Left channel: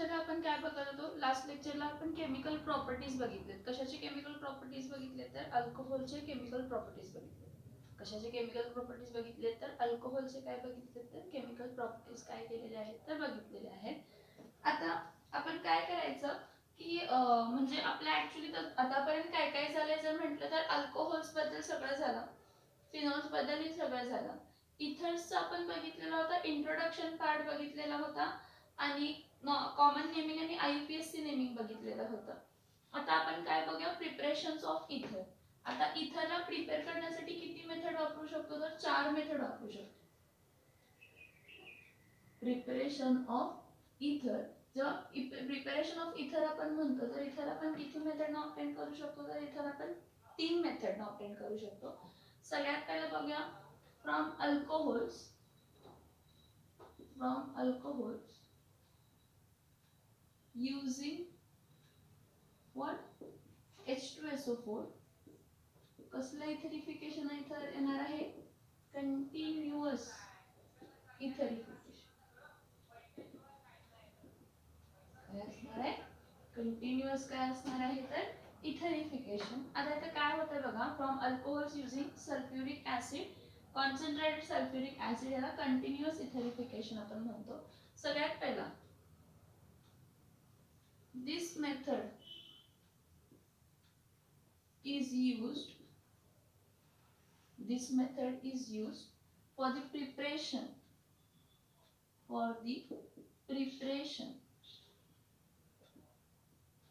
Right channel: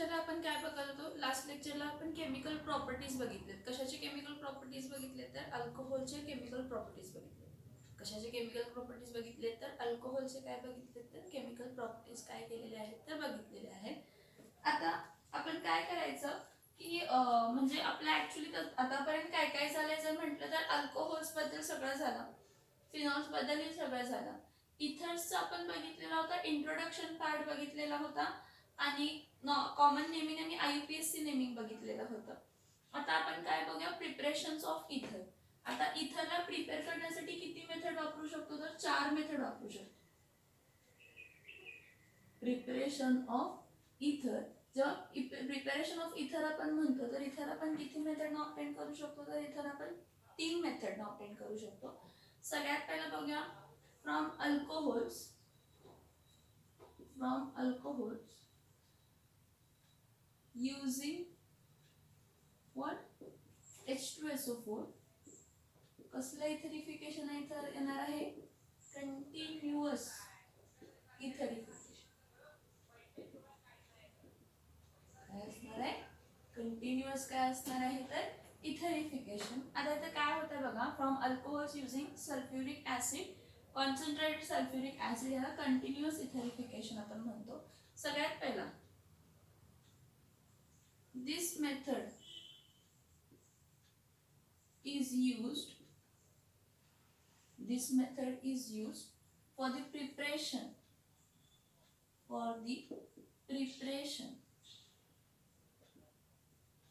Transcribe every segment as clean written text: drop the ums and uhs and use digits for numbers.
लेक्चरला आपण काय बघत होतो? लास्ट लेक्चरला आपण केमिकल प्रॉपर्टीज बघितलेत. कशाचे केमिकल प्रॉपर्टीज बघितले? तर अल्कोहोलचे केमिकल प्रॉपर्टीज बघितले. कशाचे केमिकल प्रॉपर्टीज बघितले? तर अल्कोहोलचे काय बघितले? तर केमिकल प्रॉपर्टीज काय केलेले आहेत तर बघितलेले आहेत. आता आपण काय करायचं की म्हणजे आपलं ऍक्च्युली आतापर्यंत काय काय झालंय जर म्हटलं तर अल्कोहोल्स बद्दल सगळं झालं, फिनॉल्स बद्दलही सगळं झालं. इथर्सचा आपण बघितलेला होता, इंट्रोडक्शन पार्ट बघितलेला होता आणि कॉमन नेमिंग आणि IUPAC नेमिंग बघितलेलं होतं. आता आपण काय बघूया? प्रिपरेशन्स ऑफ इथर. आता इथरला प्रिपेअर करण्यासाठी किती मेथड वापरू शकतो? तर 4 मेथड वापरू शकतो. प्रिपरेशन ऑफ इथर, जेव्हा प्रिपरेशन ऑफ इथर आपण म्हणतो तर इथर आपण किती मेथडना ऑब्टेन करू शकतो? तर इथर आपण 3 मेथडना ऑब्टेन करू शकतो. सगळ्यात पहिलं बघूया from alcohols. using what? H2SO4. कसलं इथरिफिकेशन इथर येणार आहे? कंटिन्युअस इथरिफिकेशन. काय असणार आहे? कंटिन्युअस काय असणार आहे तर इथरिफिकेशन. आता इथं काय होतं बघा, from alcohols using sulphuric acid, concentrated sulphuric acid याला कंटिन्युअस इथरिफिकेशन आपण म्हणतो. सगळ्यात पहिला this method is used for the preparation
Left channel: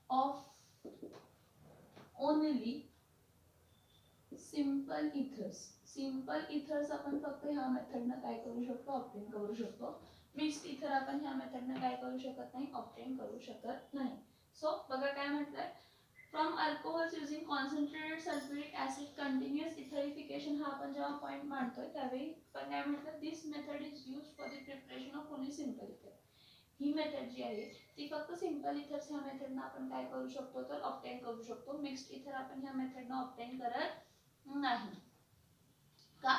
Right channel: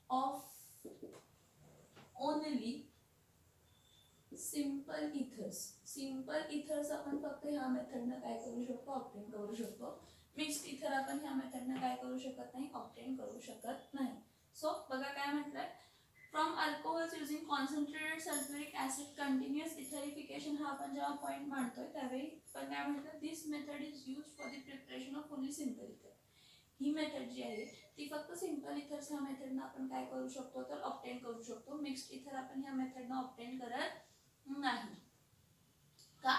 of only simple ethers. Simple ethers आपण फक्त ह्या मेथडनं काय करू शकतो? ऑब्टेन करू शकतो. मिक्स्ड इथर आपण ह्या मेथडनं काय करू शकत नाही? ऑब्टेन करू शकत नाही. सो बघा काय म्हटलंय, from alcohols using concentrated sulphuric acid continuous etherification. हा आपण जेव्हा पॉईंट मांडतोय त्यावेळी पण काय म्हटलं? This method is used for the preparation of only simple ether. ही मेथड जी आहे ती फक्त सिंपल इथर्स ह्या मेथडनं आपण काय करू शकतो तर ऑब्टेन करू शकतो. मिक्स्ड इथर आपण ह्या मेथडनं ऑब्टेन करत नाही. का?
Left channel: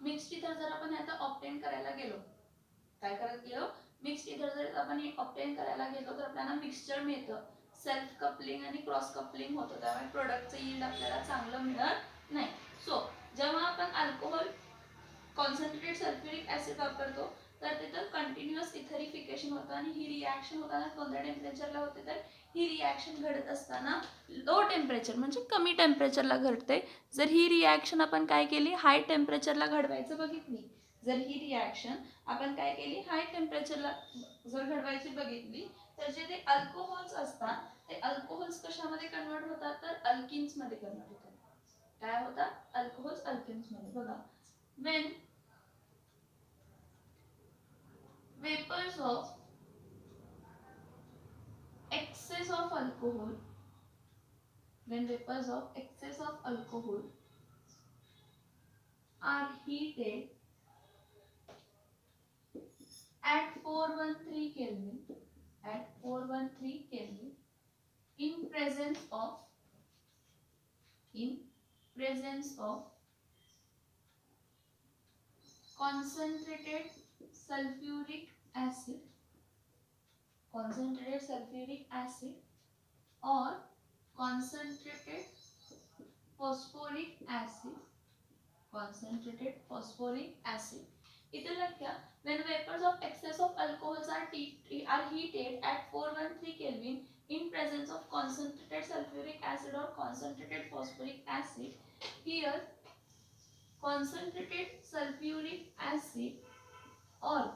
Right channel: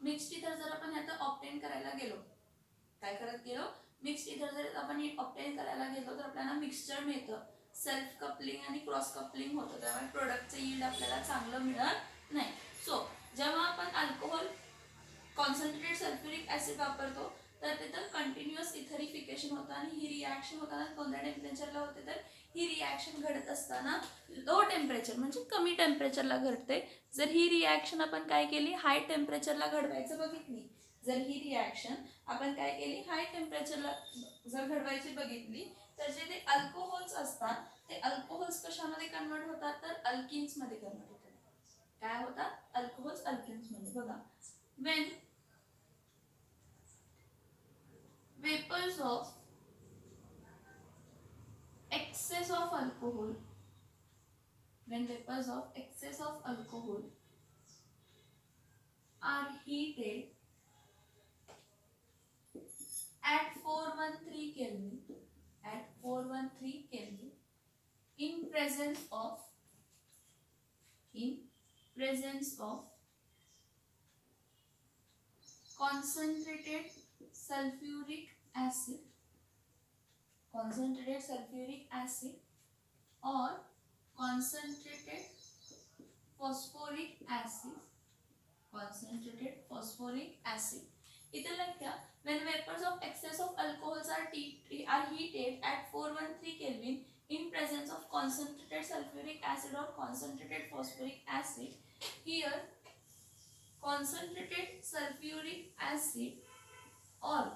मिक्स्ड इथर जर आपण आता ऑब्टेन करायला गेलो, काय करत गेलो? मिक्स्ड इथर जर आपण ऑब्टेन करायला गेलो तर आपल्याला मिक्सचर मिळतं, सेल्फ कपलिंग आणि क्रॉस कपलिंग होतं, त्यामुळे प्रोडक्टचं यील्ड आपल्याला चांगलं मिळत नाही. सो जेव्हा आपण अल्कोहोल कॉन्सन्ट्रेटेड सल्फ्युरिक ऍसिड वापरतो तर तिथं कंटिन्युअस इथरिफिकेशन होतं आणि ही रिॲक्शन होताना कोणत्या टेम्परेचरला होते? तर ही रिॲक्शन घडत असताना लो टेम्परेचर म्हणजे कमी टेम्परेचरला घडते. जर ही रिॲक्शन आपण काय केली? हाय टेम्परेचरला घडवायचं बघितली, जर ही रिॲक्शन आपण काय केली? हाय टेम्परेचरला जर घडवायची बघितली तर जे ते अल्कोहोल्स असतात ते अल्कोहोल्स कशामध्ये कन्वर्ट होतात? तर अल्किन्स मध्ये कन्वर्ट होतात. काय होतात? अल्कोहोल्स अल्किन्स मध्ये. बघा, when vapors of excess of alcohol are heated at 413 Kelvin in presence of concentrated sulfuric acid or concentrated phosphoric acid. इथे लक्षात, when vapors of excess of alcohols are heated at 413 Kelvin in presence of concentrated sulfuric acid or concentrated phosphoric acid, here concentrated sulfuric acid or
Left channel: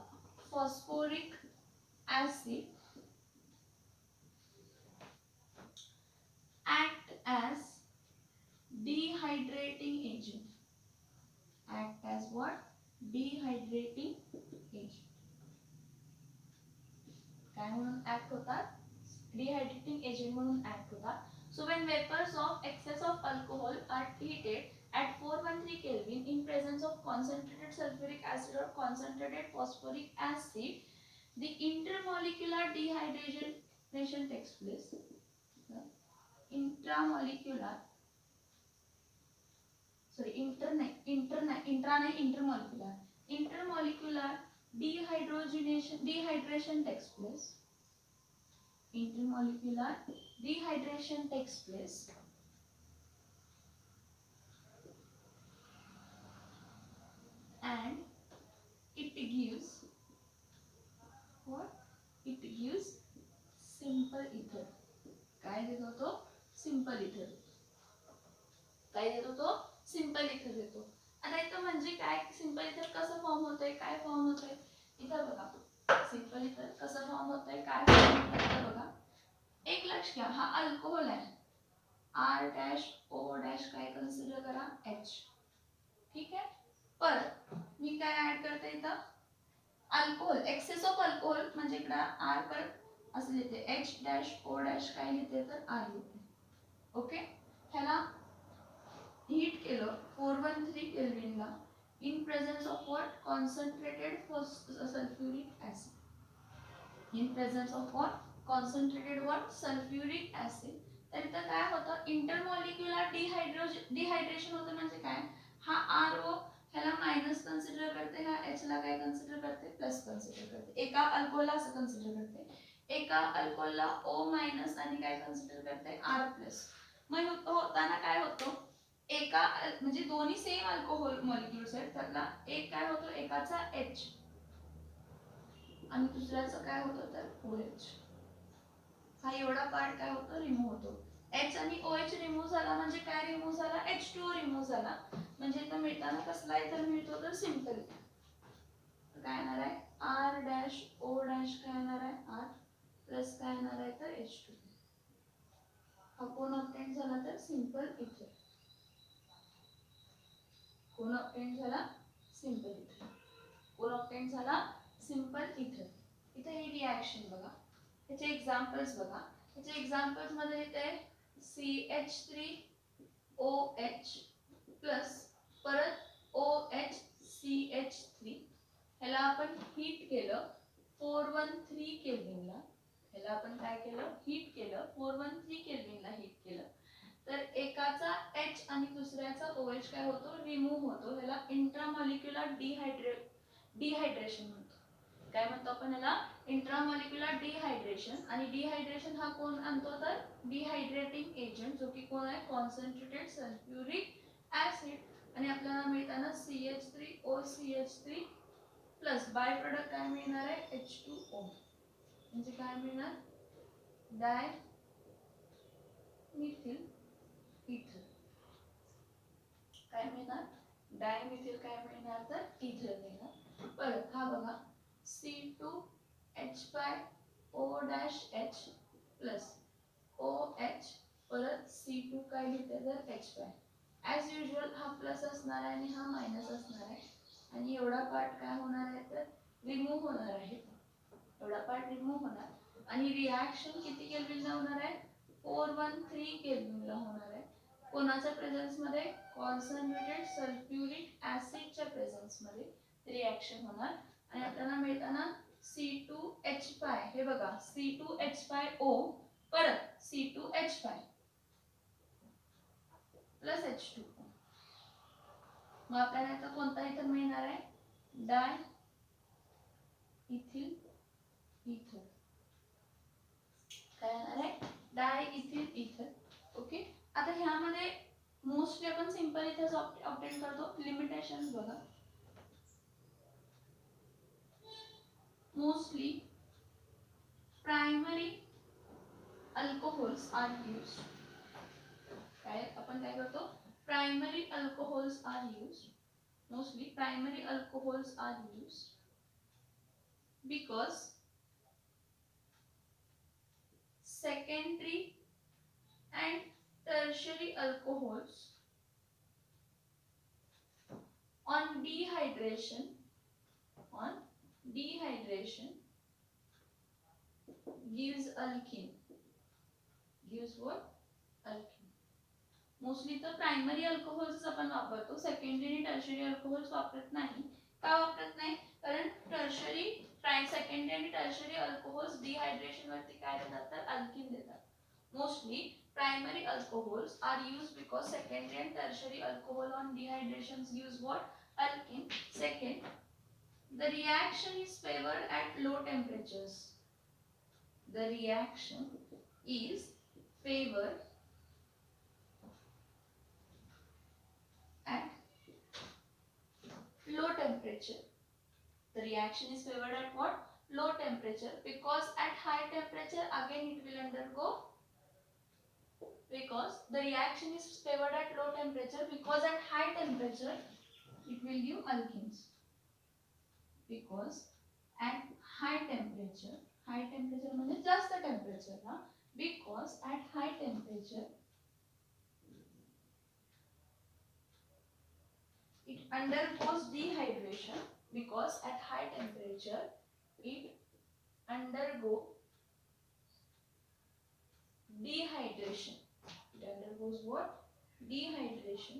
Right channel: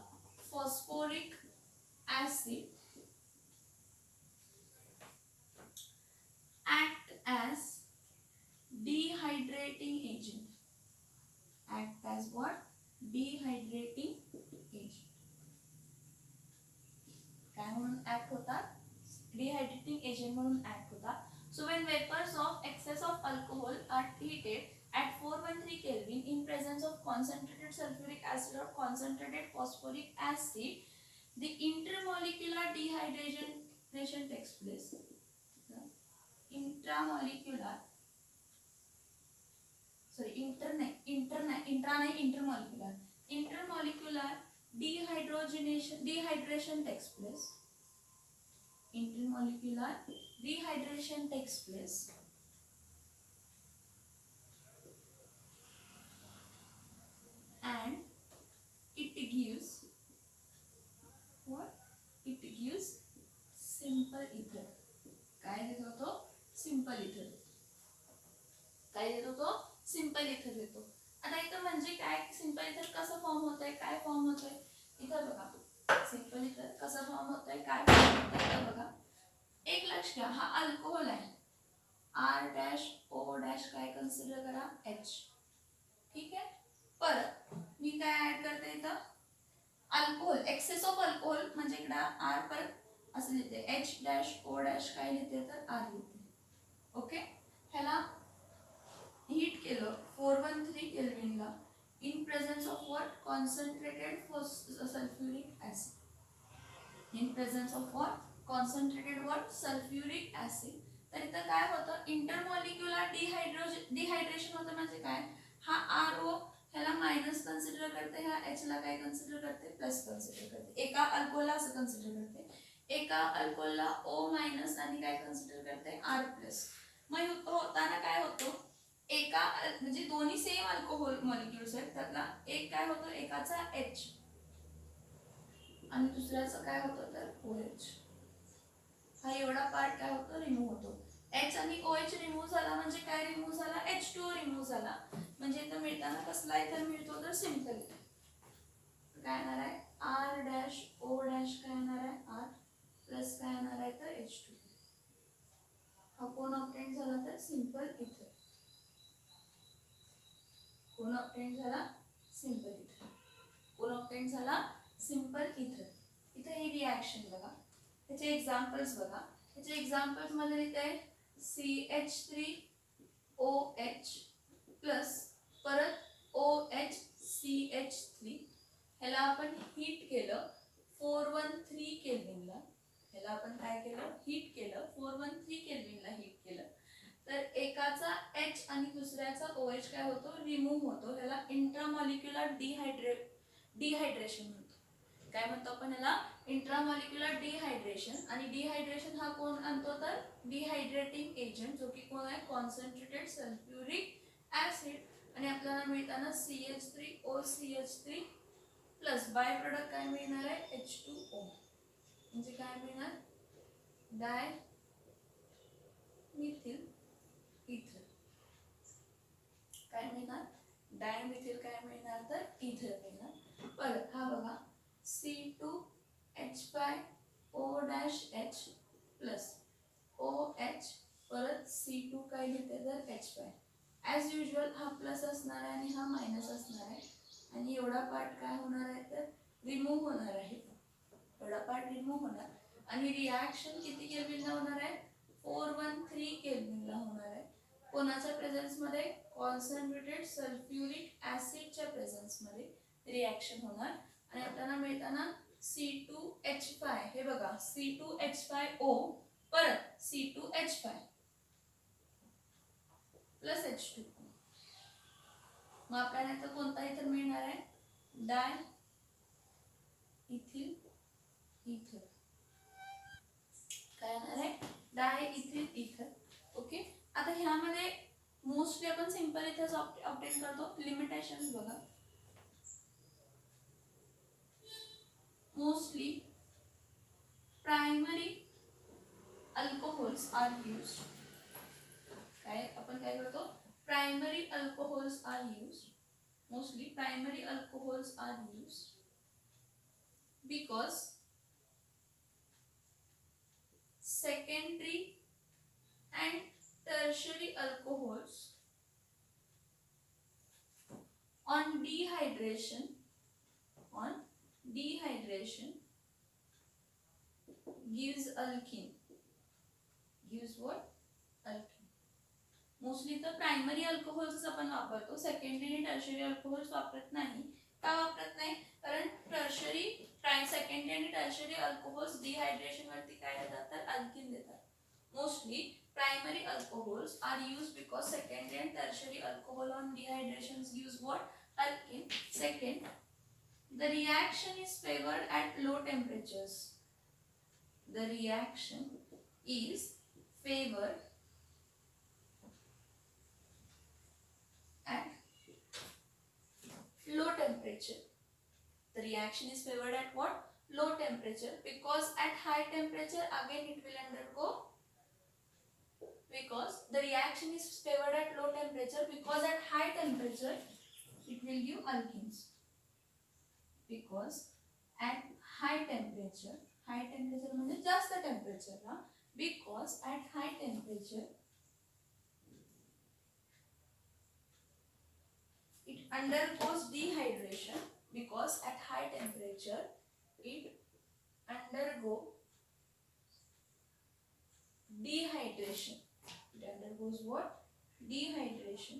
phosphoric acid act as dehydrating agent. Act as what? Dehydrating agent. काय म्हणून act होतात? डिहायड्रेटिंग agent म्हणून act होतात. So when vapors of excess of alcohol are heated at 413 Kelvin in presence of concentrated sulfuric acid or concentrated phosphoric acid, the intermolecular dehydration takes place. Intermolecular dehydration takes place. intermolecular dehydration takes place and it gives what? It gives simple ether. काय देतो तो? Simple इथर. काय देतो तो? Simple इथर देतो. आता इथं म्हणजे काय सिंपल इथर कसं फॉर्म होतंय, काय फॉर्म होतंय इथं बघा. सिंपल इथर कसं फॉर्म होतंय, काय फॉर्म होतंय बघा. एक लक्ष घ्या, हा अल्कोहोल आहे. R डॅश O डॅश काय कन्सिडर करा H. ठीक आहे. परत मी काय ऍड करते इथं अल्कोहोल, एक्सेस ऑफ अल्कोहोल म्हणजे इकडं R परत असं लिहिते H डॅश O डॅश काय लिहिते तर R लिहिते. ओके. ह्याला हीट केलं 413 केल्विनला in presence of what concentrated sulphuric acid. In presence of what concentrated what sulphuric acid. तर इथं काय होतं इंटरमॉलिक्युलर डिहायड्रेशन होतं म्हणजे काय हा RO ह्याला मायनस कन्सिडर करते, ह्या H ला काय कन्सिडर करते प्लस कन्सिडर करते. एका अल्कोहोलला असं कन्सिडर करते, एका अल्कोहोलला O मायनस आणि काय कन्सिडर करते R प्लस. मग होताना काय होतं एका म्हणजे दोन्ही सेम अल्कोहोल मॉलिक्युल्स आहेत त्यातला एक काय होतं एकाचा H आणि दुसऱ्याचं काय होतं तर OH. हा एवढा पार्ट काय होतं रिमूव्ह होतो. H आणि OH रिमूव्ह झाला म्हणजे काय रिमूव्ह झाला H2O रिमूव्ह झाला म्हणजे इथं मिळताना कसला इथर मिळतो तर सिंपल. काय येणार आहे R डॅश O डॅश काय येणार आहे R प्लस काय येणार आहे तर H2. हा कोण ऑब्टेन झाला तर सिंपल इथर. कोण ऑब्टेन झाला सिंपल इथर. कोण ऑब्टेन झाला सिंपल इथर. इथे ही रिॲक्शन बघा, त्याचे एक्झाम्पल्स बघा. त्याचे एक्झाम्पल्स मध्ये इथे CH3OH प्लस परत OHCH3. ह्याला आपण हीट केलं 413 केल्विनला. ह्याला आपण काय केलं हीट केलं 413 केल्विनला हीट केलं तर एकाचा H आणि दुसऱ्याचा OH काय होतो रिमूव्ह होतो. ह्याला इंट्रामॉलिक्युलर डिहायड्रेशन म्हणतो. काय म्हणतो आपण ह्याला इंट्रामॉलिक्युलर डिहायड्रेशन. आणि डिहायड्रेशन हा कोण आणतो तर डिहायड्रेटिंग एजंट जो की कोण आहे कॉन्सन्ट्रेटेड सल्फ्युरिक ऍसिड. आणि आपल्याला मिळताना CH3OCH3 प्लस बाय प्रोडक्ट काय मिळणार आहे H2O म्हणजे काय मिळणार डाय मिथिल इथर. काय मिळणार डायमिथिल काय मिळणार तर इथर मिळणार. परत हा बघा C2H5O-H प्लस OH परत C2 काय लिहिते तर H5. ॲज युजल हा प्लस असणार आहे आणि हा मायनस असणार आहे आणि एवढा पार्ट काय होणार आहे तर रिमूव्ह होणार आहे. एवढा पार्ट रिमूव्ह होणार आणि रिॲक्शन किती केल्विनला होणार आहे 413 केल्विनला होणार आहे. कोणाच्या प्रेझेन्स मध्ये कॉन्सन्ट्रेटेड सल्फ्युरिक ऍसिडच्या प्रेझेन्स मध्ये रिॲक्शन होणार. आणि आपल्याला मिळताना C2H5 हे बघा C2H5O परत C2H5 प्लस H2O. मग आपल्याला आता कोणता इथर मिळणार आहे डाय इथिल इथर. काय येणार आहे डाय इथिल इथर. ओके. आता ह्यामध्ये मोस्टली आपण सिंपल इथेच ऑब्टेन करतो. लिमिटेशन्स बघा. Mostly primary alcohols are used. काय आपण काय करतो primary alcohols are used. Mostly primary alcohols are used because secondary and tertiary alcohols on dehydration gives alkene. Gives what? Alkene. Mostly तर primary alcohols आपण वापरतो, secondary आणि tertiary alcohols वापरत नाही. का वापरत नाही कारण टर्शरी सेकंडरी आणि टर्शरी अल्कोहोल्स डिहायड्रेशन वरती काय देतात तर अल्कीन देतात. Mostly primary alcohols are used because secondary and tertiary alcohol on dehydration gives what alkene. Second, the reaction is favored at low temperatures. the reaction is favored at low temperature. The reaction is favored at what? Low temperature, because at high temperature again it will undergo, because the reaction is favored at low temperature because at high temperature it will give alkenes. Because at high temperature म्हणजे जास्त temperature ला, because at high temperature it undergoes dehydration, because at high temperature it undergo dehydration. It undergoes what? Dehydration.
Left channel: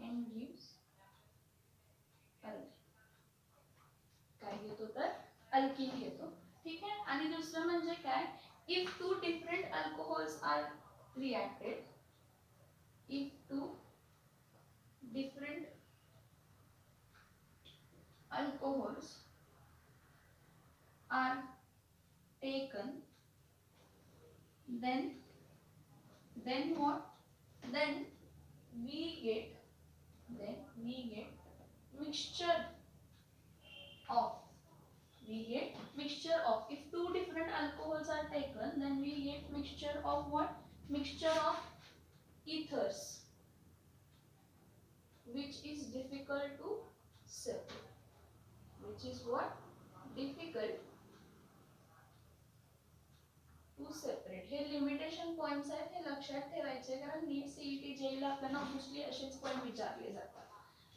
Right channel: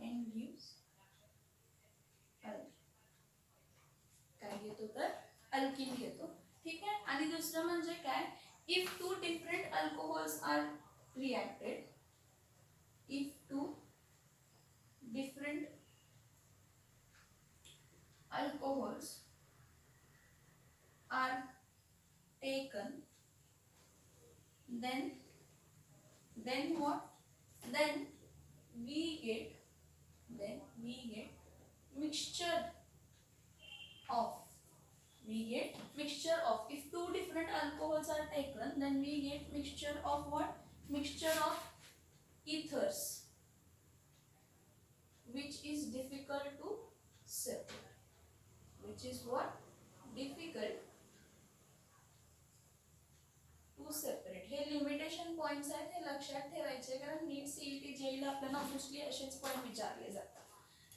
And gives alkene. काय घेतो तर alkene घेतो. ठीक आहे. आणि दुसरं म्हणजे काय, if two different alcohols are reacted, if two different alcohols are taken, then what? Then we get mixture of. If two different alcohols are taken, then we get mixture of what? Mixture of ethers, which is difficult to separate. Which is what? Difficult to separate. हे limitation points आहेत, हे लक्षात ठेवायचे, कारण नीट CET जेईला आपल्याला obviously असेच point विचारले जातात.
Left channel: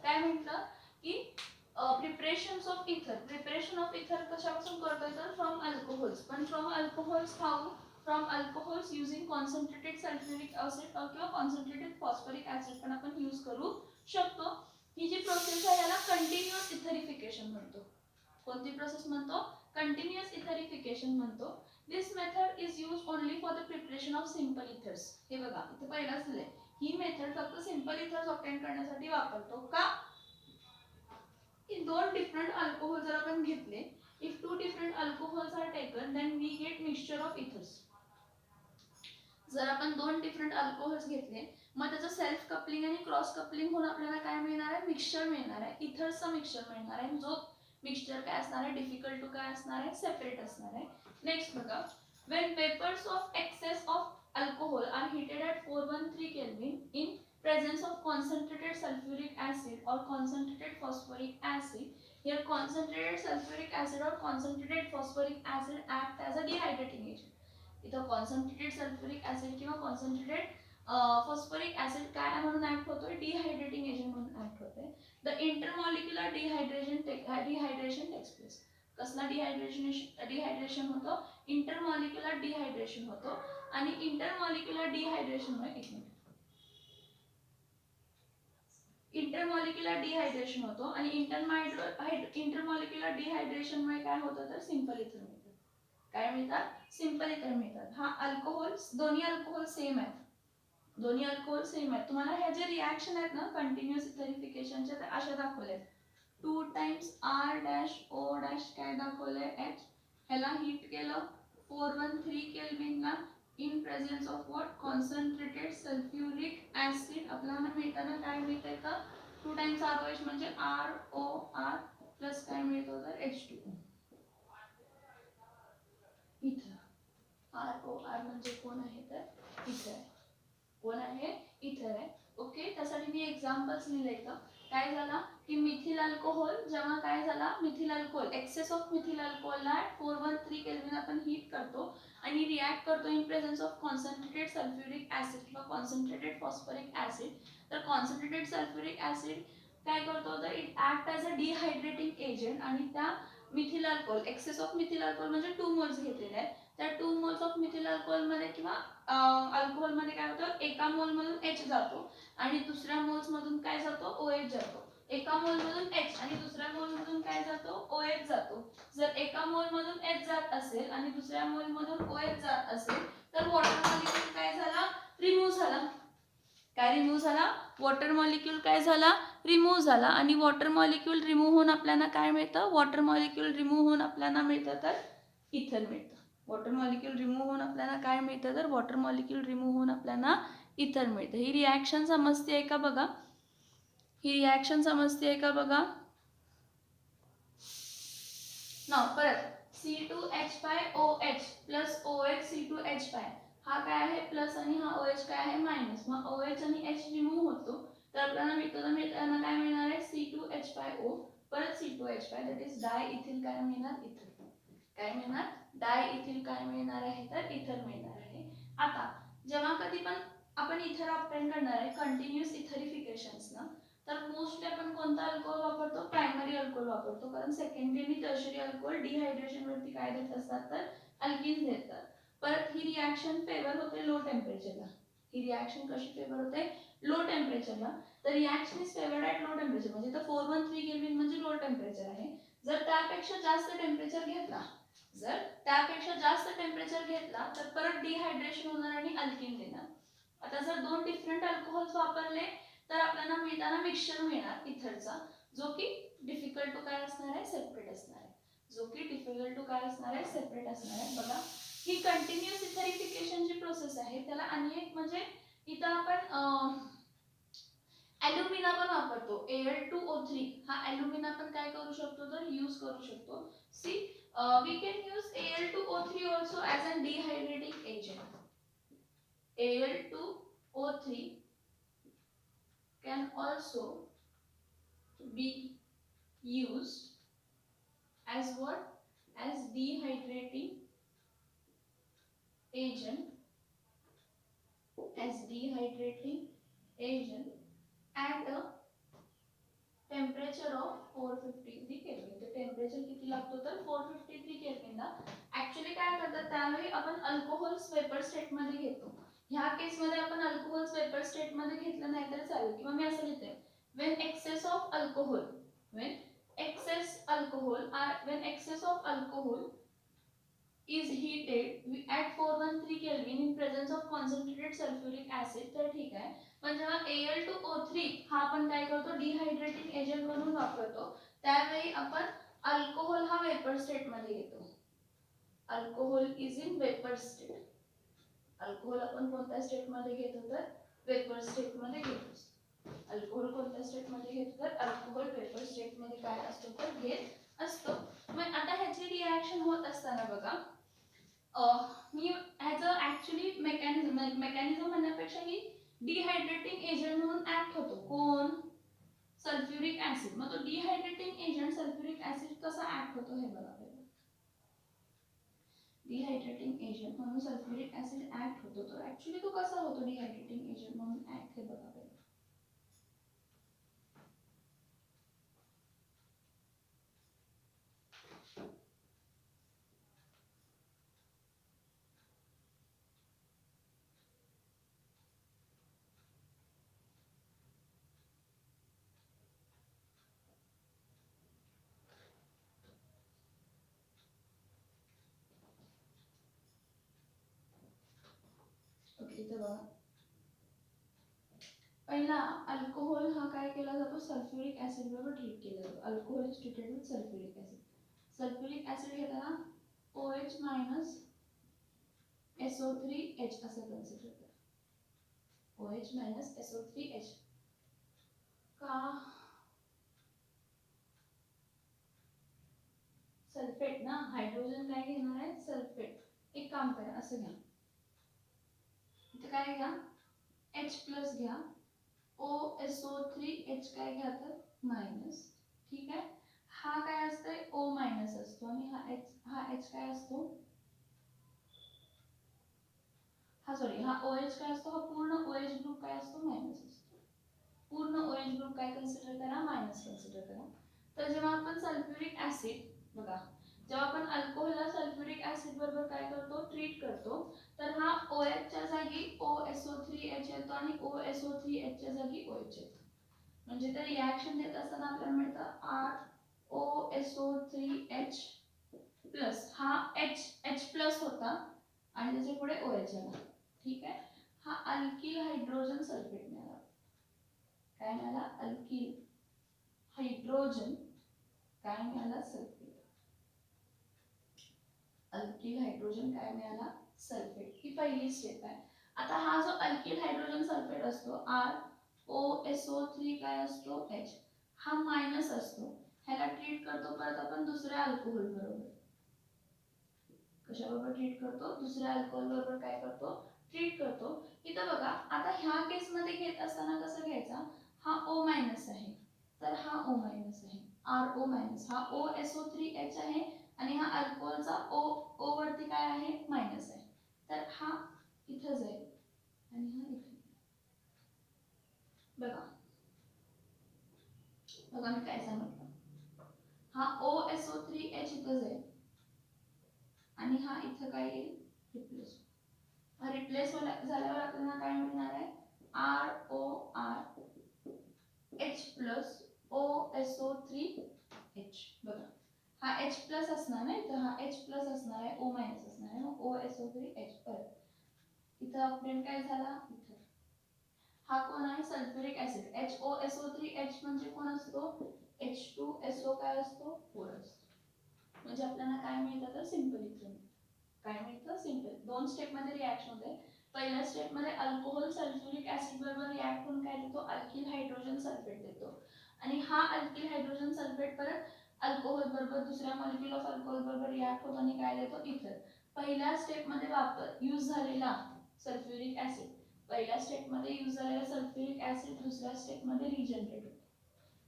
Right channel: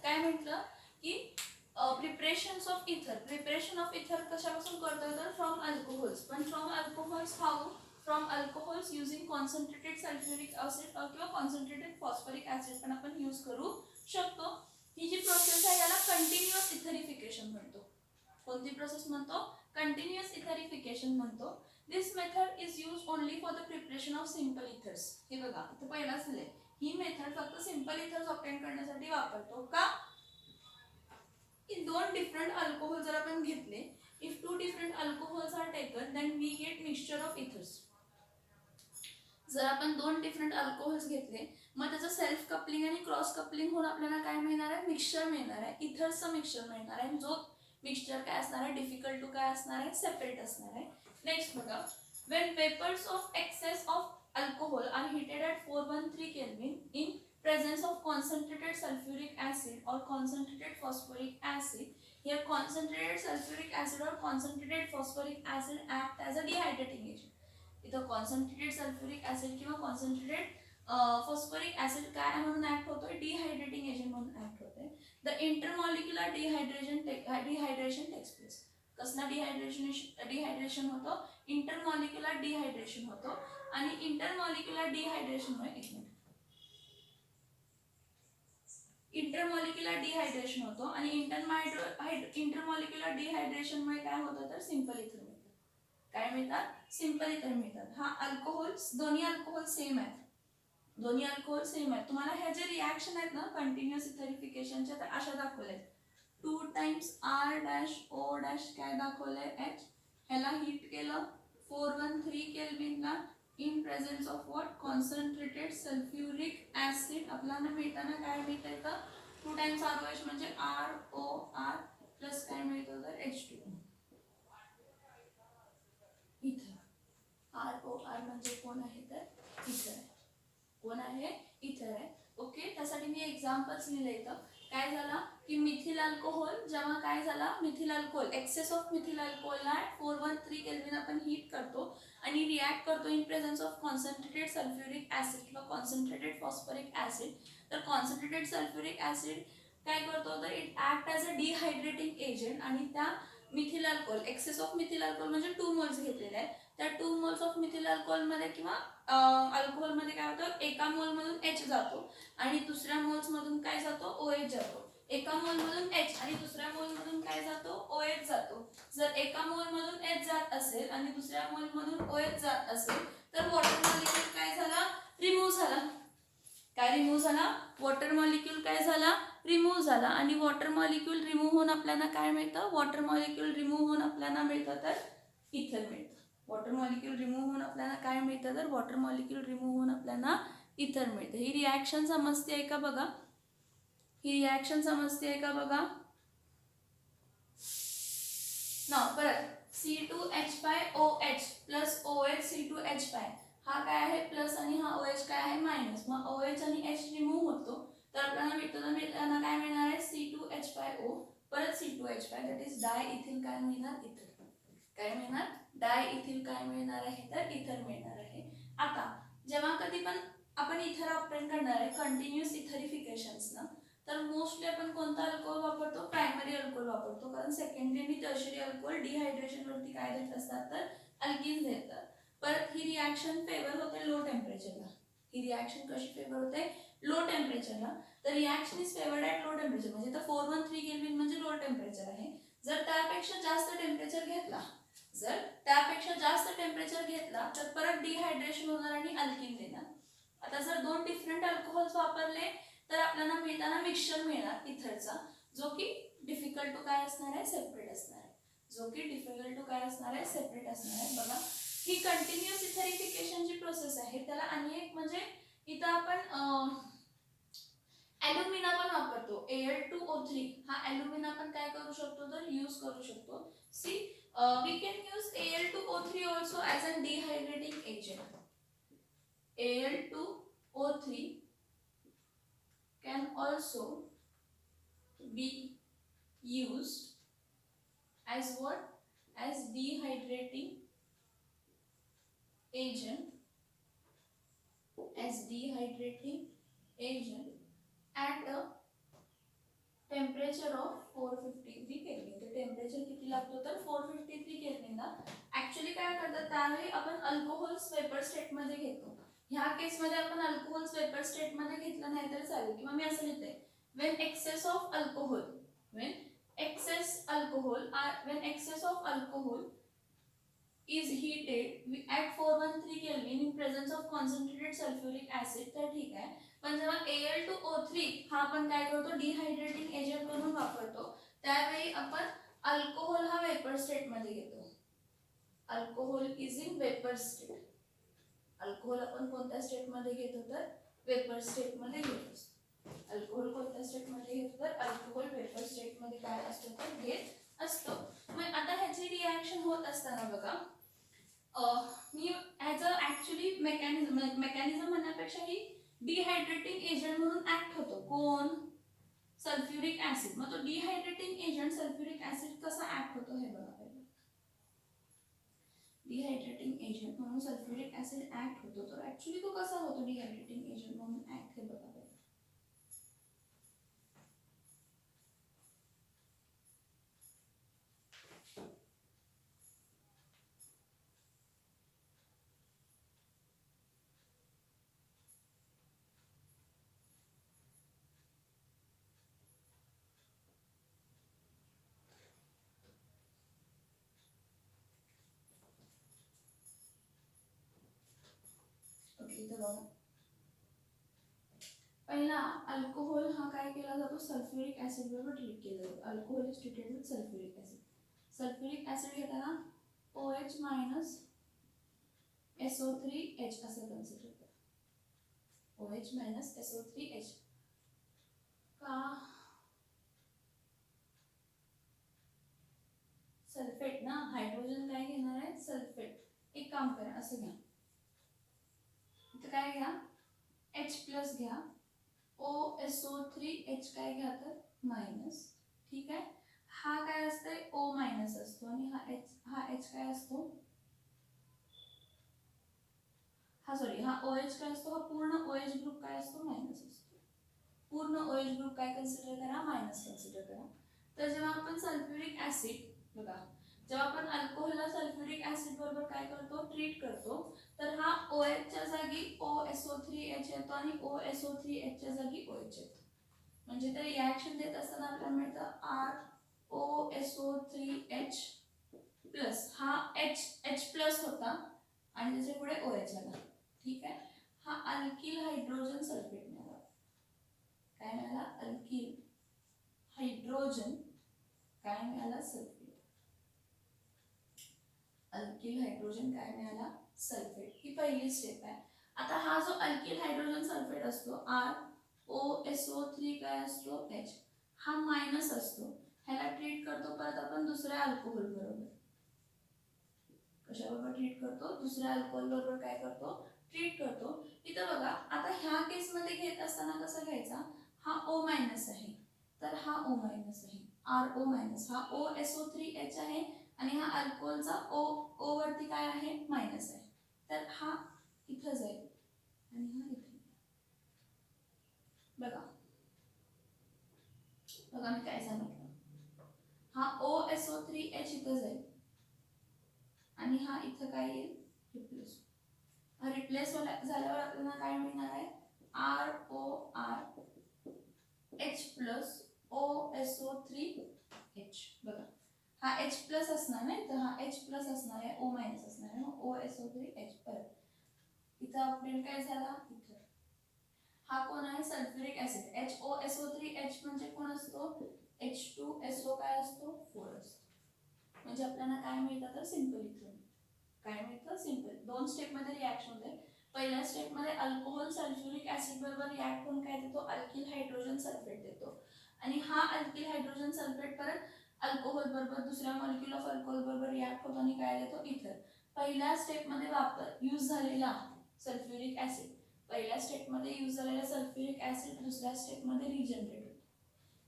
काय म्हटलं की प्रिपरेशन्स ऑफ इथर. प्रिपरेशन ऑफ इथर कशापासून करतो तर फ्रॉम अल्कोहोल्स. पण from alcohols how? From alcohols using concentrated sulphuric acid किंवा कॉन्सन्ट्रेटेड फॉस्फरिक ऍसिड पण आपण यूज करू शकतो. ही जी प्रोसेस आहे याला कंटिन्युअस इथरिफिकेशन म्हणतो. कोणती प्रोसेस म्हणतो? कंटिन्युअस इथरिफिकेशन म्हणतो. This method is use only for the preparation of simple ethers. हे बघा इथे पहिलाच दिले, ही मेथड फक्त सिंपल इथर्स ऑब्टेन करण्यासाठी वापरतो. का? की दोन डिफरंट अल्कोहोल जर आपण घेतले, if two different alcohols are taken, then we get mixture of ethers. जर आपण दोन डिफरंट अल्कोहोल्स घेतले, मग त्याचं सेल्फ कपलिंग आणि क्रॉस कपलिंग होऊन आपल्याला काय मिळणार आहे? मिक्सचर मिळणार आहे, इथर्सचं मिक्सचर मिळणार आहे. जो मिक्सचर काय असणार आहे? डिफिकल्ट टू काय असणार आहे? सेपरेट असणार आहे. नेक्स्ट बघा, when vapors of excess of alcohol are heated at 413 Kelvin in presence of concentrated sulfuric acid or concentrated phosphoric acid, here concentrated sulfuric acid or concentrated phosphoric acid act as a dehydrating agent. इथं concentrated sulfuric acid किंवा concentrated phosphoric acid काय म्हणून act होतोय? Dehydrating agent म्हणून act होतोय. The intermolecular dehydration takes place. कसला dehydration होतो? Intermolecular dehydration होतो. आणि इंटरमॉलिक्युलर डिहायड्रेशनमुळे इंटरमॉलिक्युलर डिहायड्रेशन होतो आणि इंटरमॉलिक्युलर डिहायड्रेशनमुळे काय होतं तर सिंपल इथर मिळतात. काय मिळतात? सिंपल इथर मिळतात. हा अल्कोहोल्स, दोन्ही अल्कोहोल सेम आहेत. तुम्हाला ह्या जे रिॲक्शन आहेत ना कंटिन्युअस इथरिफिकेशनच्या, त्या अशा दाखवल्या आहेत. 2 times R dash O dash काय दाखवलंय? H. ह्याला हिट केलं 413 केल्विनला in presence of what? Concentrated sulphuric acid. आपल्याला मिळताना काय मिळतंय तर 2 times ROH म्हणजे ROR प्लस काय मिळतो तर H2O. इथर. ROR म्हणजे कोण आहे तर इथर. कोण आहे? इथर आहे. ओके, त्यासाठी मी एक्झाम्पल्स लिहिले इथं. काय झाला की मिथिल अल्कोहोल, जेव्हा काय झाला methyl alcohol, excess of methyl अल्कोहोलला 413 केल्विन आपण हीट करतो आणि रिॲक्ट करतो in presence of concentrated sulphuric acid किंवा कॉन्सन्ट्रेटेड फॉस्फरिक ऍसिड. तर कॉन्सन्ट्रेटेड सल्फ्युरिक ऍसिड काय करतो तर it act as a dehydrating agent. आणि त्या methyl alcohol, excess of methyl alcohol म्हणजे 2 मोल्स घेतलेले आहेत. त्या 2 मोल्स ऑफ मिथिल अल्कोहोलमध्ये किंवा अल्कोहोलमध्ये काय होतं, एका मोलमधून H जातो आणि दुसऱ्या मोल्समधून काय जातो? OH जातो. एका मोलमधून H आणि दुसऱ्या मोलमधून काय जातो? OH जातो. जर एका मोलमधून H जात असेल आणि दुसऱ्या मोलमधून OH जात असेल तर वॉटर मॉलिक्यूल काय झाला? रिमूव्ह झाला. काय रिमूव्ह झाला, वॉटर मॉलिक्यूल काय झाला, रिमूव्ह झाला. आणि वॉटर मॉलिक्यूल रिमूव्ह होऊन आपल्याला काय मिळतं, वॉटर मॉलिक्यूल रिमूव्ह होऊन आपल्याला मिळतं तर इथर मिळतं. वॉटर मॉलिक्यूल रिमूव्ह होऊन आपल्याला काय मिळतं तर वॉटर मॉलिक्यूल रिमूव्ह होऊन आपल्याला इथर मिळतं. ही रिॲक्शन समजते आहे का बघा, ही रिॲक्शन समजते आहे का बघा. ना परत C2H5OH प्लस OH C2H5 हा काय आहे प्लस आणि हा OH काय आहे मायनस. मग OH आणि H रिमूव्ह होतो तर आपल्याला मिळताना काय मिळणार आहे C2H5O परत C2H5 that is dye ethyl काय मिळणार इथर. काय मिळणार डाय इथिल काय मिळणार आहे तर इथर मिळणार आहे. आता जेव्हा कधी पण आपण इथर ऑब्टेन करणार आहे कंटिन्युअस इथरिफिकेशन्सनं तर मोस्टली आपण कोणता अल्कोहोल वापरतो, प्रायमरी अल्कोहोल वापरतो. कारण सेकंडरी आणि टर्शरी अल्कोहोल डिहायड्रेशन वरती काय देत असतात तर अल्किन्स देतात. परत ही रिॲक्शन फेवर होते लो टेम्परेचरला. ही रिॲक्शन कशी फेवर होते लो टेम्परेचरला. तर reaction is favoured at low temperature म्हणजे तर 413 केल्विन म्हणजे लो टेम्परेचर आहे. जर त्यापेक्षा जास्त टेम्परेचर घेतला, जर त्यापेक्षा जास्त टेम्परेचर घेतला तर परत डिहायड्रेशन होणार आणि अल्किन देणार. आता जर दोन डिफरंट अल्कोहोल्स वापरले तर आपल्याला मिळताना मिक्सचर मिळणार इथरचा जो की डिफिकल्ट टू काय असणार आहे सेपरेट असणार आहे. जो की डिफिकल्ट टू काय असणार आहे सेपरेट असणार आहे. बघा ही कंटिन्युअस इथरिफिकेशनची प्रोसेस आहे. त्याला आणि एक म्हणजे इथं आपण ॲल्युमिना पण वापरतो. Al2O3 हा ॲल्युमिना पण काय करू शकतो तर यूज करू शकतो. See we can use Al2O3 also as a dehydrating agent. Al2O3 can also be used as what? As dehydrating agent. As dehydrating agent at a temperature of 453 kelvin. तर टेम्परेचर किती लागतो तर 453 केल्विनला. ॲक्च्युली काय करतात त्यावेळी आपण अल्कोहोल्स वेपर स्टेटमध्ये घेतो. ह्या केसमध्ये आपण अल्कोहोल्स वेपर स्टेटमध्ये घेतलं नाही तर चालेल. किंवा मी असं लिहिते when excess of alcohol when excess alcohol is heated at 413 Kelvin in presence of concentrated sulfuric acid तर ठीक आहे. पण जेव्हा Al2O3 हा आपण काय करतो डिहायड्रेटिंग एजंट म्हणून वापरतो त्यावेळी आपण अल्कोहोल हा वेपर स्टेट मध्ये घेतो. Alcohol is in vapour state. Alcohol आपण कोणत्या स्टेट मध्ये घेतो तर वेपर स्टेट मध्ये घेतो. अल्कोहोल कोणत्या स्टेट मध्ये घेतो तर अल्कोहोल वेपर स्टेट मध्ये काय असतो तर घेत असतो. मग आता ह्याची रिॲक्शन होत असताना बघा मी ह्याचं ॲक्च्युली मेकॅनिझम म्हणण्यापेक्षा ही डिहायड्रेटिंग एजंट म्हणून ऍक्ट होतो. कोण सल्फ्युरिक ऍसिड. मग तो डिहायड्रेटिंग एजंट सल्फ्युरिक ऍसिड कसा ऍक्ट होतो हे बघा. डिहायड्रेटिंग एजंट म्हणून सल्फ्युरिक ऍसिड ऍक्ट होतो. तर ऍक्च्युली तो कसा होतो डिहायड्रेटिंग एजंट म्हणून ऍक्ट हे बघा. पहिला अल्कोहोल हा काय केला जातो सल्फ्युरिक ऍसिड बरोबर ट्रीट केला जातो. Alcohol is treated with sulphuric acid. Sulphuric acid घेताना OH मायनस SO3H असं कन्सिडर करा. OH मायनस SO3H का सल्फेट ना हायड्रोजन काय घेणार आहे सल्फेट. एक काम करा असं घ्या इथं काय घ्या H प्लस घ्या OSO3H काय घ्या तर मायनस. ठीक आहे. हा काय असतंय O मायनस असतो आणि हा H काय असतो हा सॉरी हा OH काय असतो हा पूर्ण OH ग्रुप काय असतो मायनस असतो. पूर्ण OH ग्रुप काय कन्सिडर करा मायनस कन्सिडर करा. तर जेव्हा आपण सल्फ्युरिक ऍसिड बघा जेव्हा आपण अल्कोहोलला सल्फ्युरिक ऍसिड बरोबर काय करतो ट्रीट करतो तर हा OH च्या जागी OSO3H येतो आणि OSO3H च्या जागी OH येतो. म्हणजे तर रिॲक्शन देत असताना आपल्याला मिळतं ROSO3H प्लस हा H प्लस होता आणि त्याच्या पुढे OH आला. ठीक आहे. हा अल्किल हायड्रोजन सल्फेट मिळाला. काय मिळाला, अल्किल हायड्रोजन काय मिळाला, सल्फेट. अल्किल हायड्रोजन काय मिळाला, सल्फेट. ही पहिली स्टेप आहे. आता हा जो अल्किल हायड्रोजन सल्फेट असतो ROSO3 काय असतो, H, हा मायनस असतो. ह्याला ट्रीट करतो परत आपण दुसऱ्या अल्कोहोल बरोबर. कशाबरोबर ट्रीट करतो, दुसऱ्या अल्कोहोल बरोबर काय करतो, ट्रीट करतो. इथं बघा, आता ह्या केस मध्ये घेत असताना कसं घ्यायचा, हा O मायनस आहे तर हा O मायनस आहे, RO मायनस, हा OSO3H आहे आणि हा अल्कोहोलचा O वरती काय आहे, मायनस आहे. तर हा इथं जाईल आणि हा इथे. बघा बघा मी काय सांगितलं, हा OSO3H इथं जाईल आणि हा इथं काय येईल, रिप्लेस. रिप्लेस झाल्यावर आपल्याला काय मिळणार आहे, RORH प्लस OSO3H. बघा हा H प्लस असणार नाही तर हा H प्लस असणार आहे, O मायनस असणार आहे, मग OSO3H. परत इथं ऑक्टेन काय झाला, इथं हा कोण आहे, सल्फ्युरिक ऍसिड. HOSO3H म्हणजे कोण असतो, H2SO काय असतो, 4 असतो. म्हणजे आपल्याला काय मिळतं तर सिंपल इथेन. काय मिळतं, सिंपल. दोन स्टेप मध्ये रिॲक्शन होते. पहिल्या स्टेप मध्ये अल्कोहोल सल्फ्युरिक ऍसिड बरोबर रिॲक्ट करून काय देतो, अल्किल हायड्रोजन सल्फेट देतो. आणि हा अल्किल हायड्रोजन सल्फेट परत अल्कोहोल बरोबर दुसऱ्या मॉलिक्यूल ऑफ अल्कोहोल बरोबर रिॲक्ट होतो आणि काय देतो, इथर. पहिल्या स्टेप मध्ये यूज झालेला सल्फ्युरिक ऍसिड, पहिल्या स्टेप मध्ये यूज झालेला सल्फ्युरिक ऍसिड दुसऱ्या स्टेप मध्ये रिजनरेट होतो.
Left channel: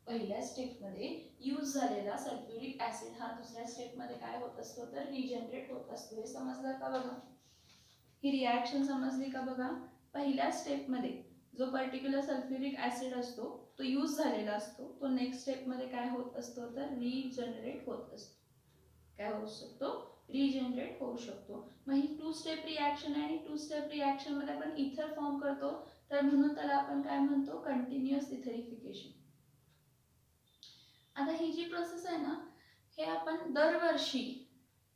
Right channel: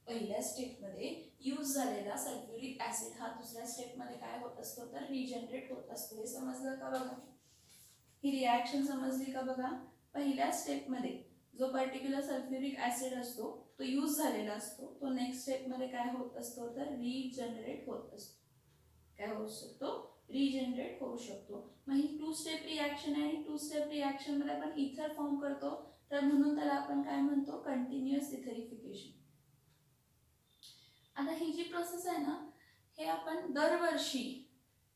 पहिल्या स्टेप मध्ये यूज झालेला सल्फ्युरिक ऍसिड हा दुसऱ्या स्टेप मध्ये काय होत असतो तर रिजनरेट होत असतो. हे समजलं का बघा, ही रिॲक्शन समजली का बघा. पहिल्या स्टेप मध्ये जो पर्टिक्युलर सल्फ्युरिक ऍसिड असतो तो यूज झालेला असतो, तो नेक्स्ट स्टेप मध्ये काय होत असतो तर रिजनरेट होत असतो. काय होऊ शकतो, रिजनरेट होऊ शकतो. मग ही 2 स्टेप रिॲक्शन आहे. 2 स्टेप रिॲक्शन मध्ये आपण इथर फॉर्म करतो, तर म्हणून त्याला आपण काय म्हणतो, कंटिन्युअस इथरिफिकेशन. आता ही जी प्रोसेस आहे ना, हे आपण दरवर्षी,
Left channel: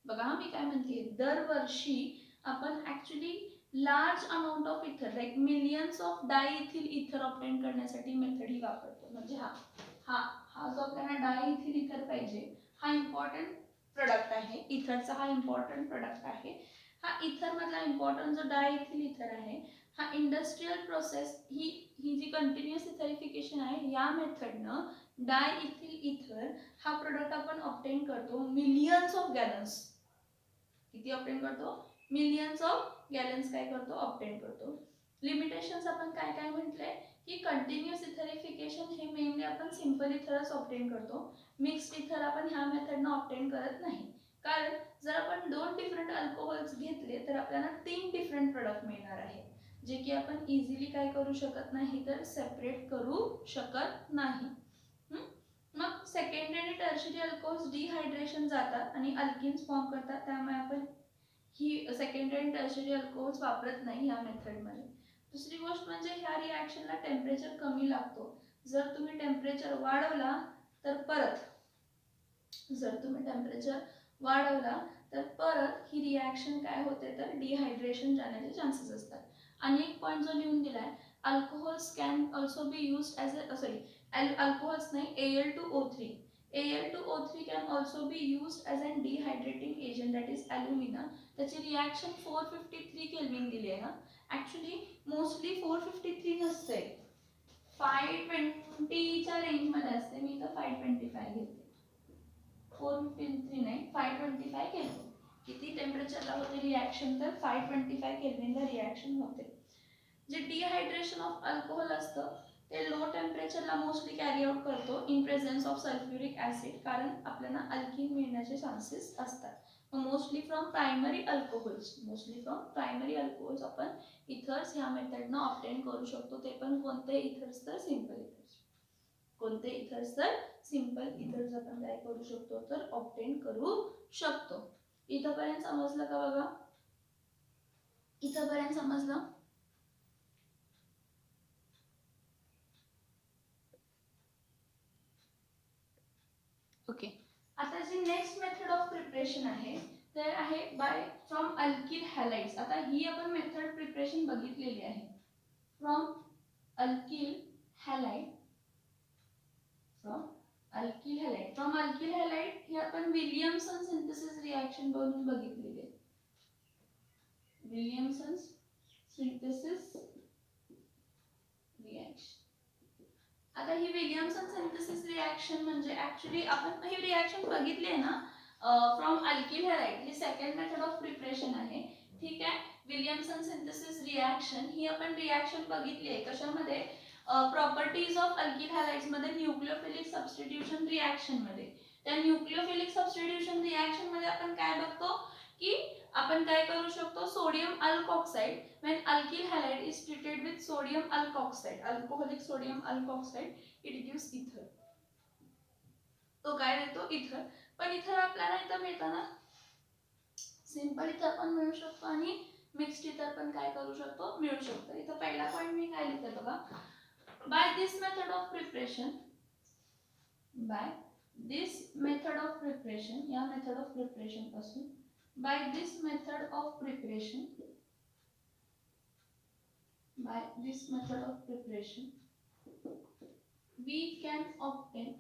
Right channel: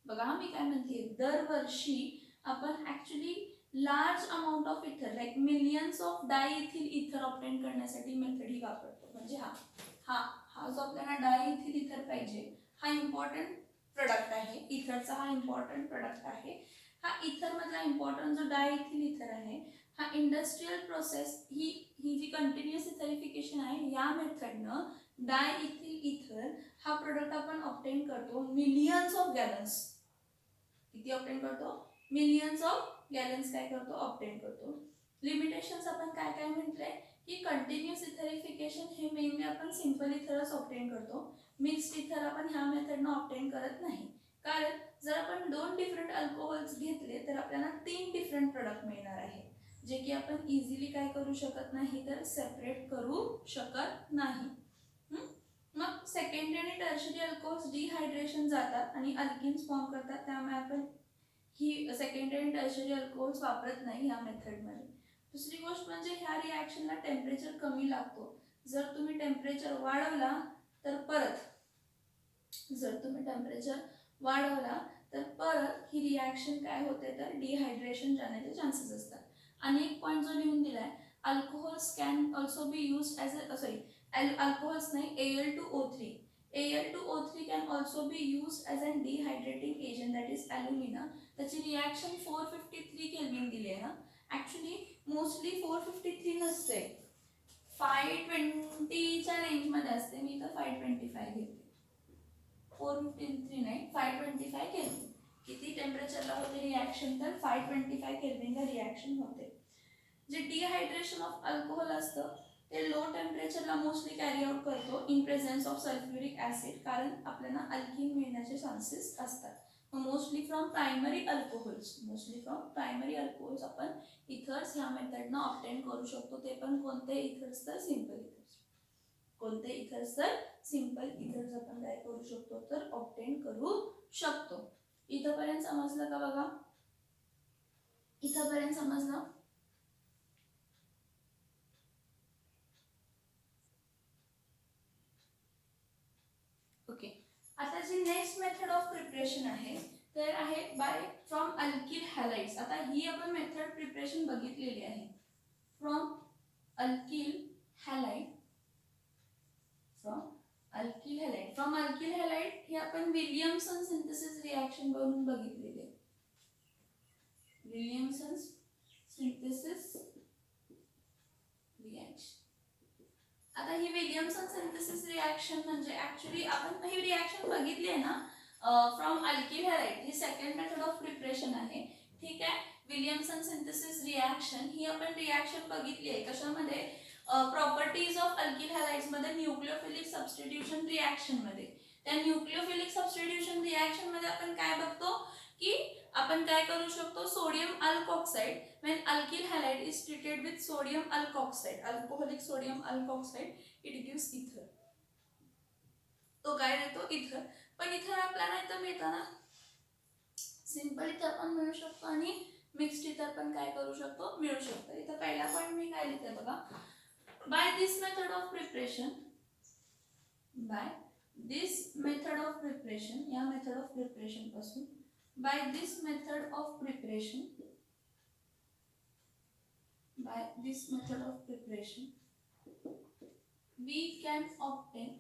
बघा मी काय म्हणते, दरवर्षी आपण ऍक्च्युली लार्ज अमाउंट ऑफ इथर लाईक मिलियन्स ऑफ डायइथिल इथर ऑब्टेन करण्यासाठी मेथड ही वापरतो. म्हणजे हा हा हा जो आपल्याला डायइथिल इथर पाहिजे, हा इम्पॉर्टंट प्रोडक्ट आहे. इथरचा हा इम्पॉर्टंट प्रोडक्ट आहे. हा इथर मधला इम्पॉर्टंट जो डायइथिल इथर आहे, हा इंडस्ट्रियल प्रोसेस ही जी कंटिन्युअस इथरिफिकेशन आहे, या मेथडनं डायइथिल इथर हा प्रोडक्ट आपण ऑब्टेन करतो मिलियन्स ऑफ गॅलन्स. किती ऑब्टेन करतो, मिलियन्स ऑफ गॅलन्स काय करतो, ऑब्टेन करतो. लिमिटेशन्स आपण काय काय म्हटले की कंटिन्युअस इथरिफिकेशन हे मेनली आपण सिंपल इथरच ऑब्टेन करतो. मिक्स्ड इथर आपण ह्या मेथडनं ऑब्टेन करत नाही, कारण जर आपण 2 डिफरंट अल्कोहोल्स घेतले तर आपल्याला 3 डिफरंट प्रोडक्ट मिळणार आहे, जे की आपण इझिली काय करू शकत नाही तर सेपरेट करू शकत नाही. मग सेकंडरी आणि टर्शरी अल्कोहोल्स डिहायड्रेशन जातात आणि अल्किन्स फॉर्म करतात, त्यामुळे आपण ही सेकंडरी आणि टर्शरी अल्कोहोल्स वापरत नाही या मेथडमध्ये. दुसरी गोष्ट म्हणजे ह्या रिॲक्शनला टेम्परेचर कमी लागतो. जर तुम्ही टेम्परेचर वाढवला तर परत ही रिॲक्शन काय होते तर डिहायड्रेशन जाण्याचे चान्सेस असतात. आणि एक पॉईंट जो लिहून दिलाय, alcohols can also be used as a alcohols नाही, Al2O3. Al2O3 can also be used as an dehydrating agent, that is alumina. त्याची रिॲक्शन 453 केल्विन दिली आहे ना, ऍक्च्युली मोस्टली 453 नसते, 520 च्या रेंज मध्ये असते. मी तर 525 घेते, 453 नाही 525 केल्विन. किती टेम्परेचरला होते रिॲक्शन तर 525 केल्विनला रिॲक्शन होते. जे डिहायड्रेशन ऑफ अल्कोहोल असतं ते लो टेम्परेचरला मोस्टली कॅरी आउट करतो in presence of sulphuric acid, कारण आपल्याला अल्किन मिळण्याचे चान्सेस असतात. मोस्टली फ्रॉम प्रायमरी अल्कोहोल्स आपण इथर्स ह्या मेथडनं ऑब्टेन करू शकतो. ते पण कोणते इथर्स तर सिंपल इथर्स. कोणते इथर्स तर सिंपल इथर्स आपण काय करू शकतो तर ऑब्टेन करू शकतो. इथपर्यंत समजलं का बघा, इथपर्यंत समजलं. ओके, आता जी नेक्स्ट मेथड ऑफ प्रिपरेशन आहे तर आहे बाय फ्रॉम अल्किल हॅलाइड्स. आता ही आपण मेथड प्रिपरेशन बघितलेली आहे. From alkyl halide alkyl halide. From alkyl halide हे आपण विलियमसन सिंथेसिस रिॲक्शन बघून बघितलेली आहे. Williamson synthesis reaction. आता ही विलियमसन सिंथेसिस रिॲक्शन म्हणजे ऍक्च्युली आपण ही रिॲक्शन बघितली आहे ना from alkyl halide. He second method of preparation आहे. ठीक आहे. विलियमसन सिंथेसिस रिॲक्शन ही आपण रिॲक्शन बघितली आहे कशामध्ये प्रॉपर्टीज ऑफ अल्किल हॅलाइड्स मध्ये न्यूक्लियोफिलिक सबस्टिट्यूशन रिॲक्शन मध्ये. त्या न्यूक्लियोफिलिक सबस्टिट्यूशन रिॲक्शन मध्ये आपण काय बघतो की आपण काय करू शकतो sodium alkoxide when alkyl halide is treated with sodium alkoxide alcoholic sodium alkoxide it gives इथर. तो काय देतो इथर. पण इथर आपल्याला इथं मिळताना सिंपल इथर पण मिळू शकतो आणि मिक्स्ड इथर पण काय करू शकतो मिळू शकतो. इथं पहिला पॉइंट मी काय लिहिते बघा. By this method of preparation या मेथड ऑफ प्रिपरेशन पासून by this method of preparation we can obtain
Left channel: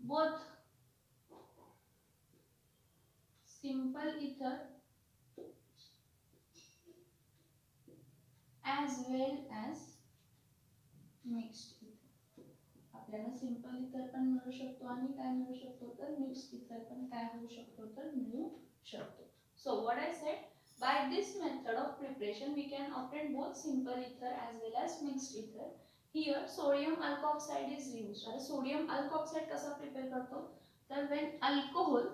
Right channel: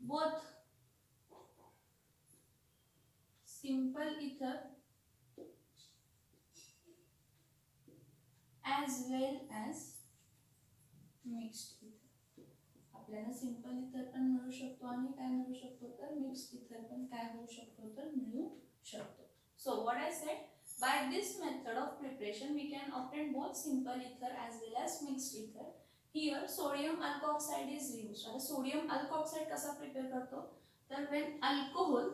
both simple ether as well as mixed ether. आपल्याला सिंपल इथर पण मिळू शकतो आणि काय मिळू शकतो तर मिक्स्ड इथर पण काय होऊ शकतो तर मिळू शकतो. So what I said by this method of preparation we can obtain both simple ether as well as mixed ether. Here sodium alkoxide is used. आता सोडियम अल्कोऑक्साइड कसा प्रिपेअर करतो तर when alcohol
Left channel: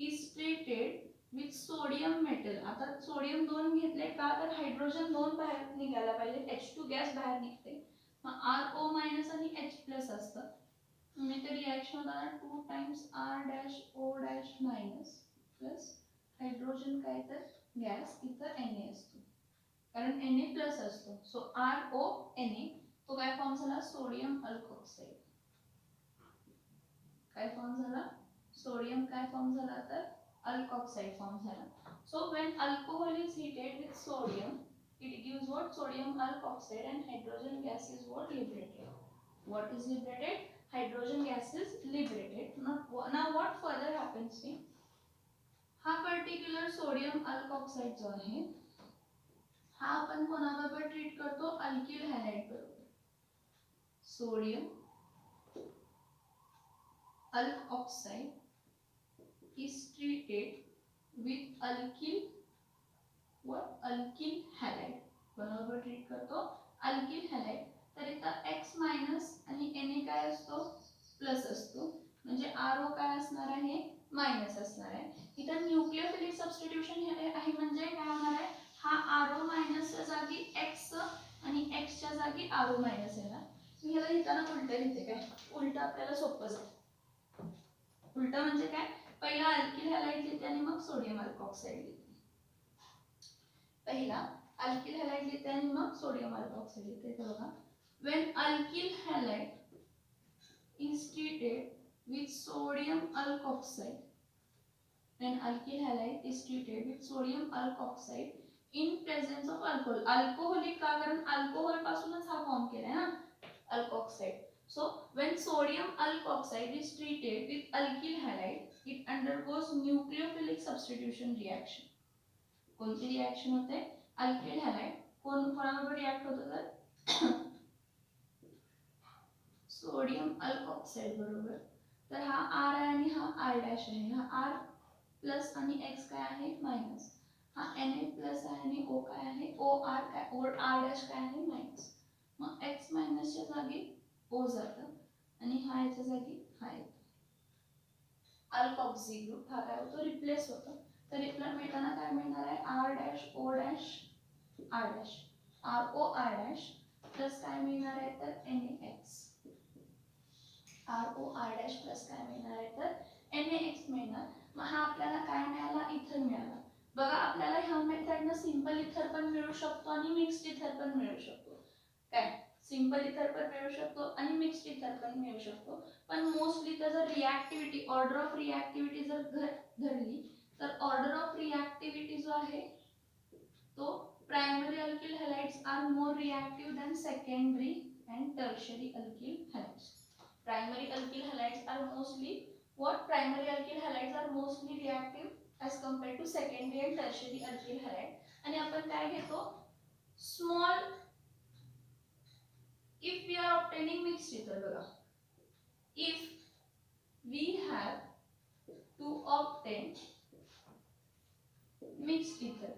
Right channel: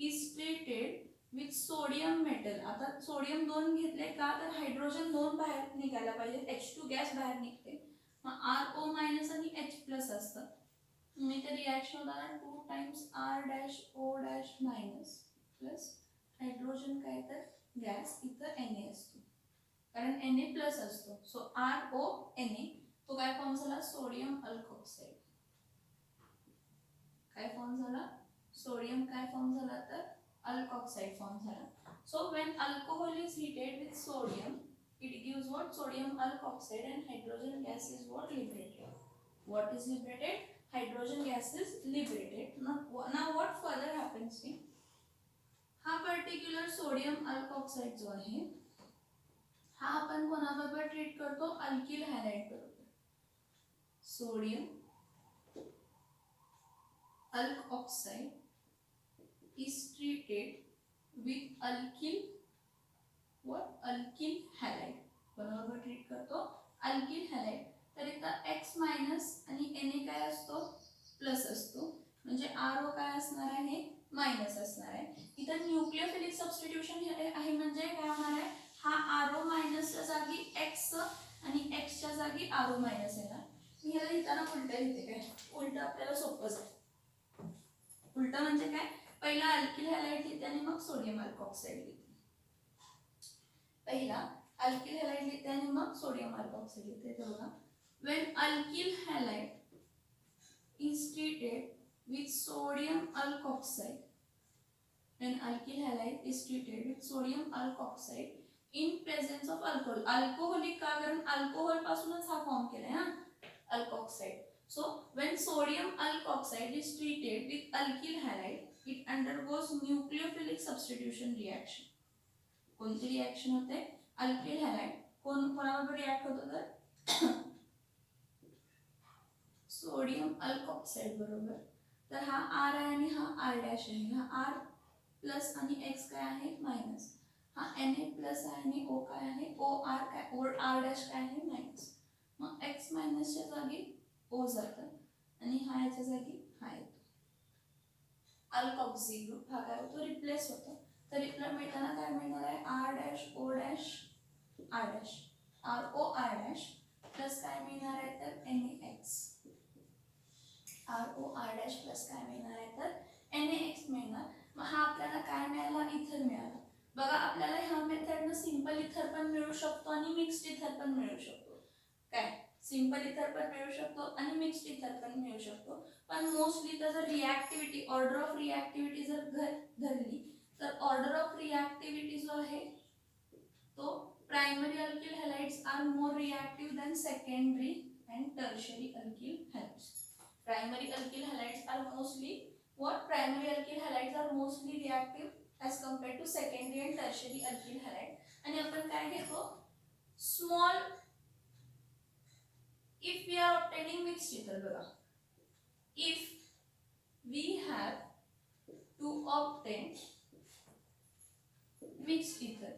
is treated with sodium metal. आता sodium 2 घेतले का तर hydrogen 2 बाहेर निघायला पाहिजे. H2 गॅस बाहेर निघते. RO मायनस आणि H प्लस असतं. मी ते रिॲक्शन होताना 2 times R dash O dash minus plus hydrogen काय तर गॅस इथं Na असतो कारण Na प्लस असतो. सो RO Na तो काय फॉर्म झाला सोडियम अल्कोक्साइड. काय फॉर्म झाला सोडियम काय फॉर्म झाला तर अल्कोक्साइड फॉर्म झाला. So when alcohol is heated with sodium it gives what sodium alkoxide and hydrogen gas is what liberated. What is liberated? Hydrogen gas is liberated. Now what further happens is हा particular sodium alkoxide जो आहे हा आपण कोणाबरोबर treat करतो alkyl halide बरोबर. Sodium alkoxide is treated with alkyl halide बरोबर treat करतो अल्किल हॅलाइड. तर इथं X मायनस आणि Na काय असतो प्लस असतो म्हणजे RO काय असणार आहे मायनस असणार आहे. इथं न्यूक्लियोफिलिक सबस्टिट्यूशन आहे म्हणजे काय होणार आहे हा RO मायनसच्या जागी X आणि X च्या जागी RO मायनस येणार. मी ह्याला लिहिताना उलट लिहिते काय उलट आपल्याला सोपं जाईल. उलट म्हणजे काय पहिला अल्किल हॅलाइड लिहिते आणि मग सोडियम अल्कोक्साइड लिहिते. पहिला अल्किल हॅलाइड लिहिते आणि मग सोडियम अल्कोक्साइड लिहिते. तर बघा when alkyl halide is treated with sodium alkoxide in presence of alcohol. Alcoholic का कारण अल्कोहोल पासूनच हा फॉर्म केलाय ना alkoxide. So when sodium alkoxide is treated with alkyl halide it undergoes nucleophilic substitution reaction. कोणती रिॲक्शन होते alkyl halide कोणाबरोबर react होतं तर सोडियम अल्कोक्साइड बरोबर. तर हा R आहे आणि हा R डॅश आहे. हा R प्लस आणि X काय आहे मायनस. हा Na प्लस आहे आणि O काय आहे OR काय R डॅश काय आहे मायनस. मग X मायनसच्या जागी O जातं आणि हा याच्या जागी हा येतो. अल्कोक्सी ग्रुप हा काय होतो रिप्लेस होतो. तर रिप्लेस मिळताना काय मिळणार आहे R dash O dash R dash RO R dash plus काय मिळणार आहे तर NaX. RO R dash plus काय मिळणार आहे तर NaX मिळणार. मग हा आपल्याला काय मिळाला इथर मिळाला. बघा आपल्याला ह्या मेथडनं सिंपल इथर पण मिळू शकतो आणि मिक्स्ड इथर पण मिळू शकतो. काय सिंपल इथर पण मिळू शकतो आणि मिक्स्ड इथर पण मिळू शकतो. पण मोस्टली जर रिॲक्टिव्हिटी ऑर्डर ऑफ रिॲक्टिव्हिटी जर धरली तर ऑर्डर ऑफ रिॲक्टिव्हिटी जो आहे तो primary alkyl halides are more reactive than secondary and tertiary alkyl halides. Primary alkyl halides are mostly what? Primary alkyl halides are mostly reactive as compared to secondary and tertiary alkyl halide. आणि आपण काय घेतो? Small. If we are obtaining mixed ether, बघा. If we have to obtain mixed ether,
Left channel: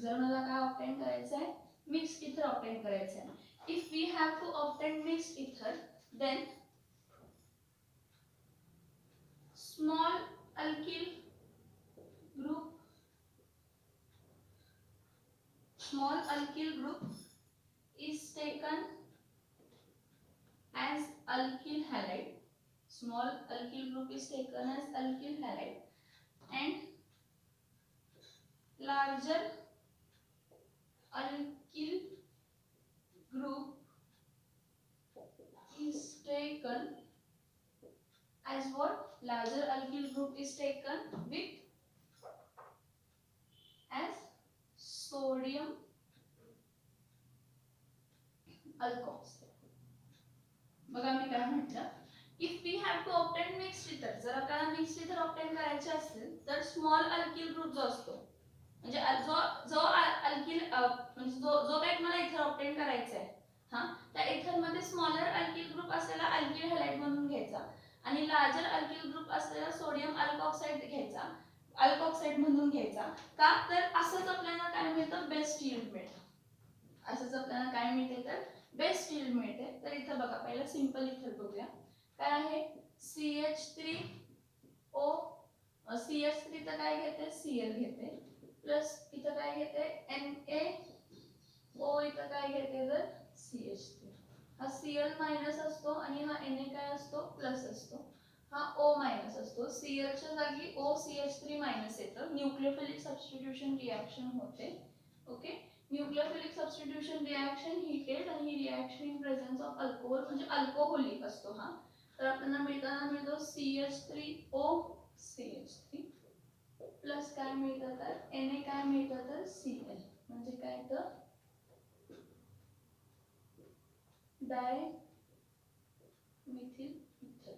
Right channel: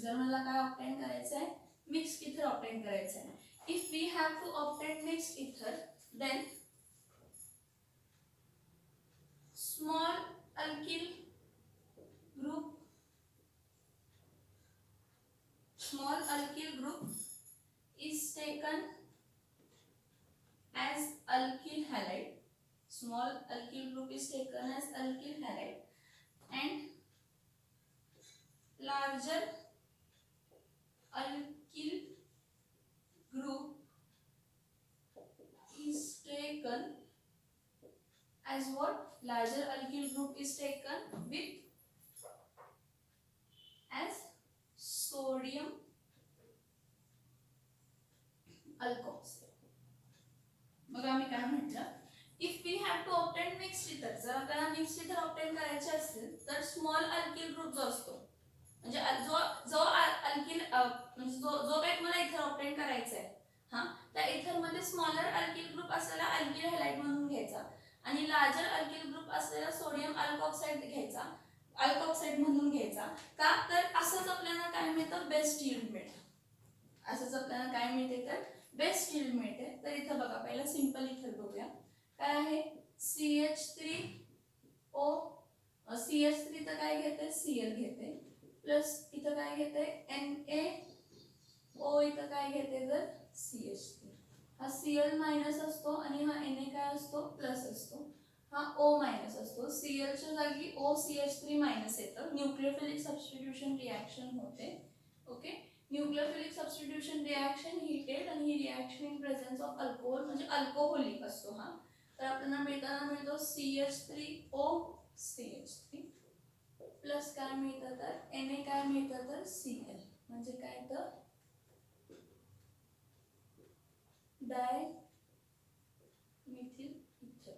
जर मला काय obtain करायचं आहे? मिक्स्ड इथर ऑब्टेन करायचं आहे. If we have to obtain mixed ether, then small alkyl group is taken as alkyl halide. Small alkyl group is taken as alkyl halide, and larger alkyl group is taken as what? Larger alkyl group is taken with as sodium alkoxide. बघा मी काय म्हटलं? If we have to obtain mixed ether, जर आपल्याला mixed इथर obtain करायचे असेल तर स्मॉल अल्किल ग्रुप जो असतो, म्हणजे जो अल्किल म्हणजे जो काही तुम्हाला इथर ऑब्टेन करायचा आहे, हा, त्या इथर मध्ये स्मॉलर अल्किल ग्रुप असलेला अल्किल हॅलाइड म्हणून घ्यायचा आणि लार्जर अल्किल ग्रुप असलेला सोडियम अल्कोक्साइड घ्यायचा, अल्कोक्साइड म्हणून घ्यायचा. का तर असंच आपल्याला काय मिळतं? बेस्ट यील्ड मिळतं. असंच आपल्याला काय मिळते? तर बेस्ट यील्ड मिळते. तर इथं बघा पहिला सिंपल इथर बघूया. काय आहे? CH3O. CH3 तर काय घेते? Cl घेते प्लस इथं काय घेते? NaO. इथं काय घेते? तर CH3. हा Cl मायनस असतो आणि हा Na काय असतो? प्लस असतो. हा O मायनस असतो. Cl च्या जागी O CH3 मायनस येतं. न्यूक्लियोफिलिक सबस्टिट्यूशन रिएक्शन होते. Okay, nucleophilic substitution reaction heated आणि ही reaction in presence of alcohol म्हणजे अल्कोहोलिक असतो हा. तर आपल्याला मिळतो CH3O CH3 प्लस काय मिळतं? तर Na काय मिळतं? तर Cl म्हणजे काय? तर डायमिथिल इथर.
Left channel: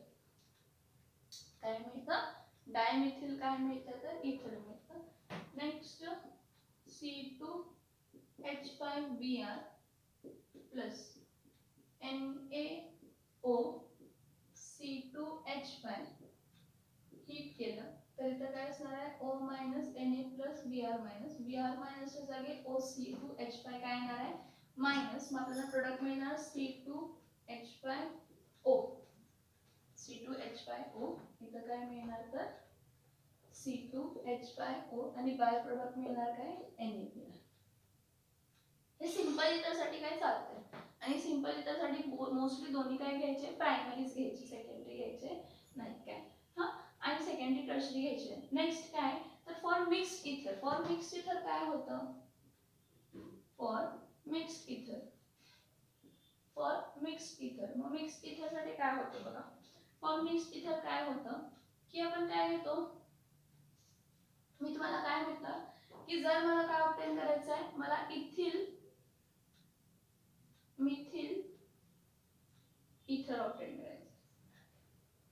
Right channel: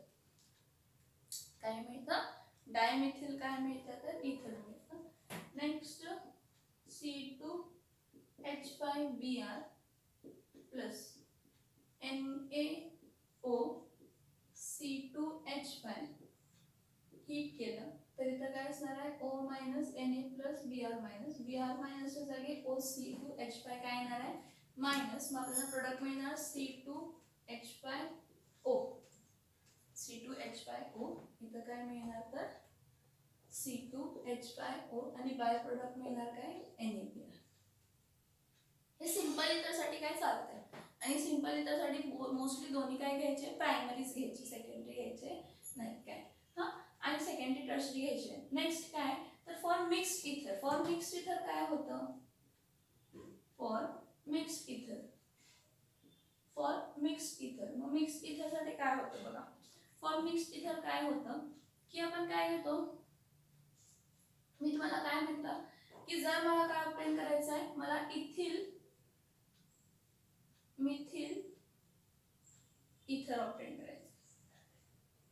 काय मिळतं? डायमिथिल काय मिळतं? तर इथर मिळतं. Next C2H5Br plus NaO C2H5 heat केलं तर इथं काय असणार आहे? O minus Na plus Br minus. Br मायनसच्या जागी O C2H5 काय येणार आहे? मायनस. मग आपल्याला प्रोडक्ट मिळणार C2H5O. C2H5O इथं काय मिळणार? तर C2H5O आणि बाय प्रोडक्ट मिळणार काय? NaBr. हे सिंपल इथरसाठी काय चालतंय आणि सिंपल इथरसाठी मोस्टली दोन्ही काय घ्यायचे? प्रायमरीज घ्यायचे, सेकंडरी घ्यायचे नाही काय. हा, आणि सेकंडरी टर्शरी घ्यायचे. नेक्स्ट काय? तर फॉर मिक्स्ड इथर. फॉर मिक्स्ड इथर काय होतं? फॉर मिक्स्ड इथर. फॉर मिक्स्ड इथर. मग मिक्स्ड इथरसाठी काय होतं बघा. फॉर मिक्स्ड इथर काय होतं की आपण काय घेतो? मी तुम्हाला काय म्हटलं की जर मला काय ऑब्टेन करायचं आहे? मला इथिल मिथिल इथर ऑब्टेन करायचं.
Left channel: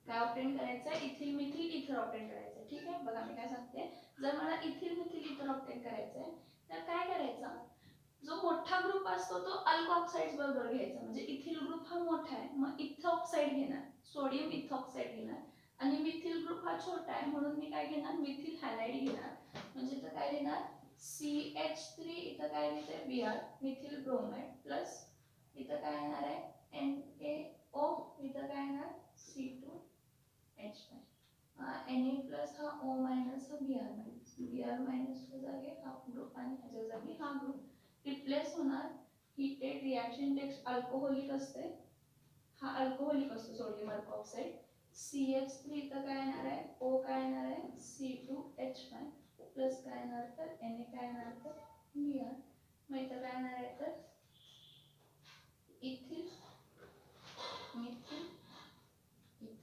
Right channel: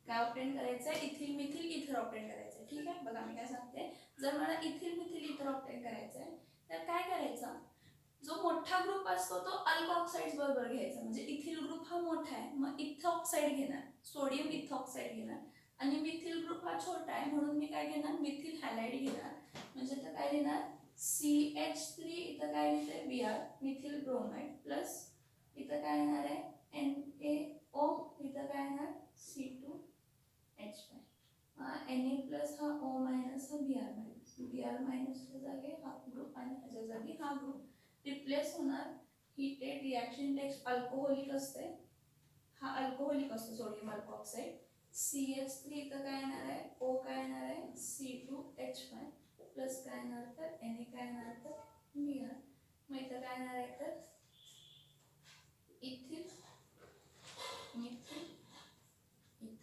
काय ऑब्टेन करायचं? इथिल मिथिल इथर ऑब्टेन करायचं. ठीक आहे, बघा मी काय सांगते. जर मला इथिल मिथिल इथर ऑब्टेन करायचं आहे तर काय करायचं? जो मोठा ग्रुप असतो तो अल्कोऑक्साइड्स बरोबर घ्यायचा. म्हणजे इथिल ग्रुप हा मोठा आहे, मग इथॉक्साइड घेणार, सोडियम इथॉक्साइड घेणार. आणि मिथिल ग्रुप हा छोटा आहे म्हणून मी काय घेणार? मिथिल हॅलाइड घेणार. म्हणजे इथं काय घेणार? CH3 इथं काय लिहिते? Br मिथिल ब्रोमाइड प्लस इथं काय येणार आहे? NaO. इथं काय येणार? C2H5. Na प्लस हा O मायनस हा Br मायनस. Br मायनसच्या जागी हा ग्रुप आणि ह्याच्या जागी हा ग्रुप रिप्लेस होणार. हीटेड रिएक्शन टेक्स्ट अल्कोहोलिक असते. हा अल्कोहोलिक असतो सोडियम अल्कोऑक्साइड. CH3 इथं काय येणार आहे? O काय येणार आहे? C2H5 प्लस काय येणार? तर Na काय येणार? तर Br. मग इथं काय येणार आहे? तर इथिल मिथिल इथर.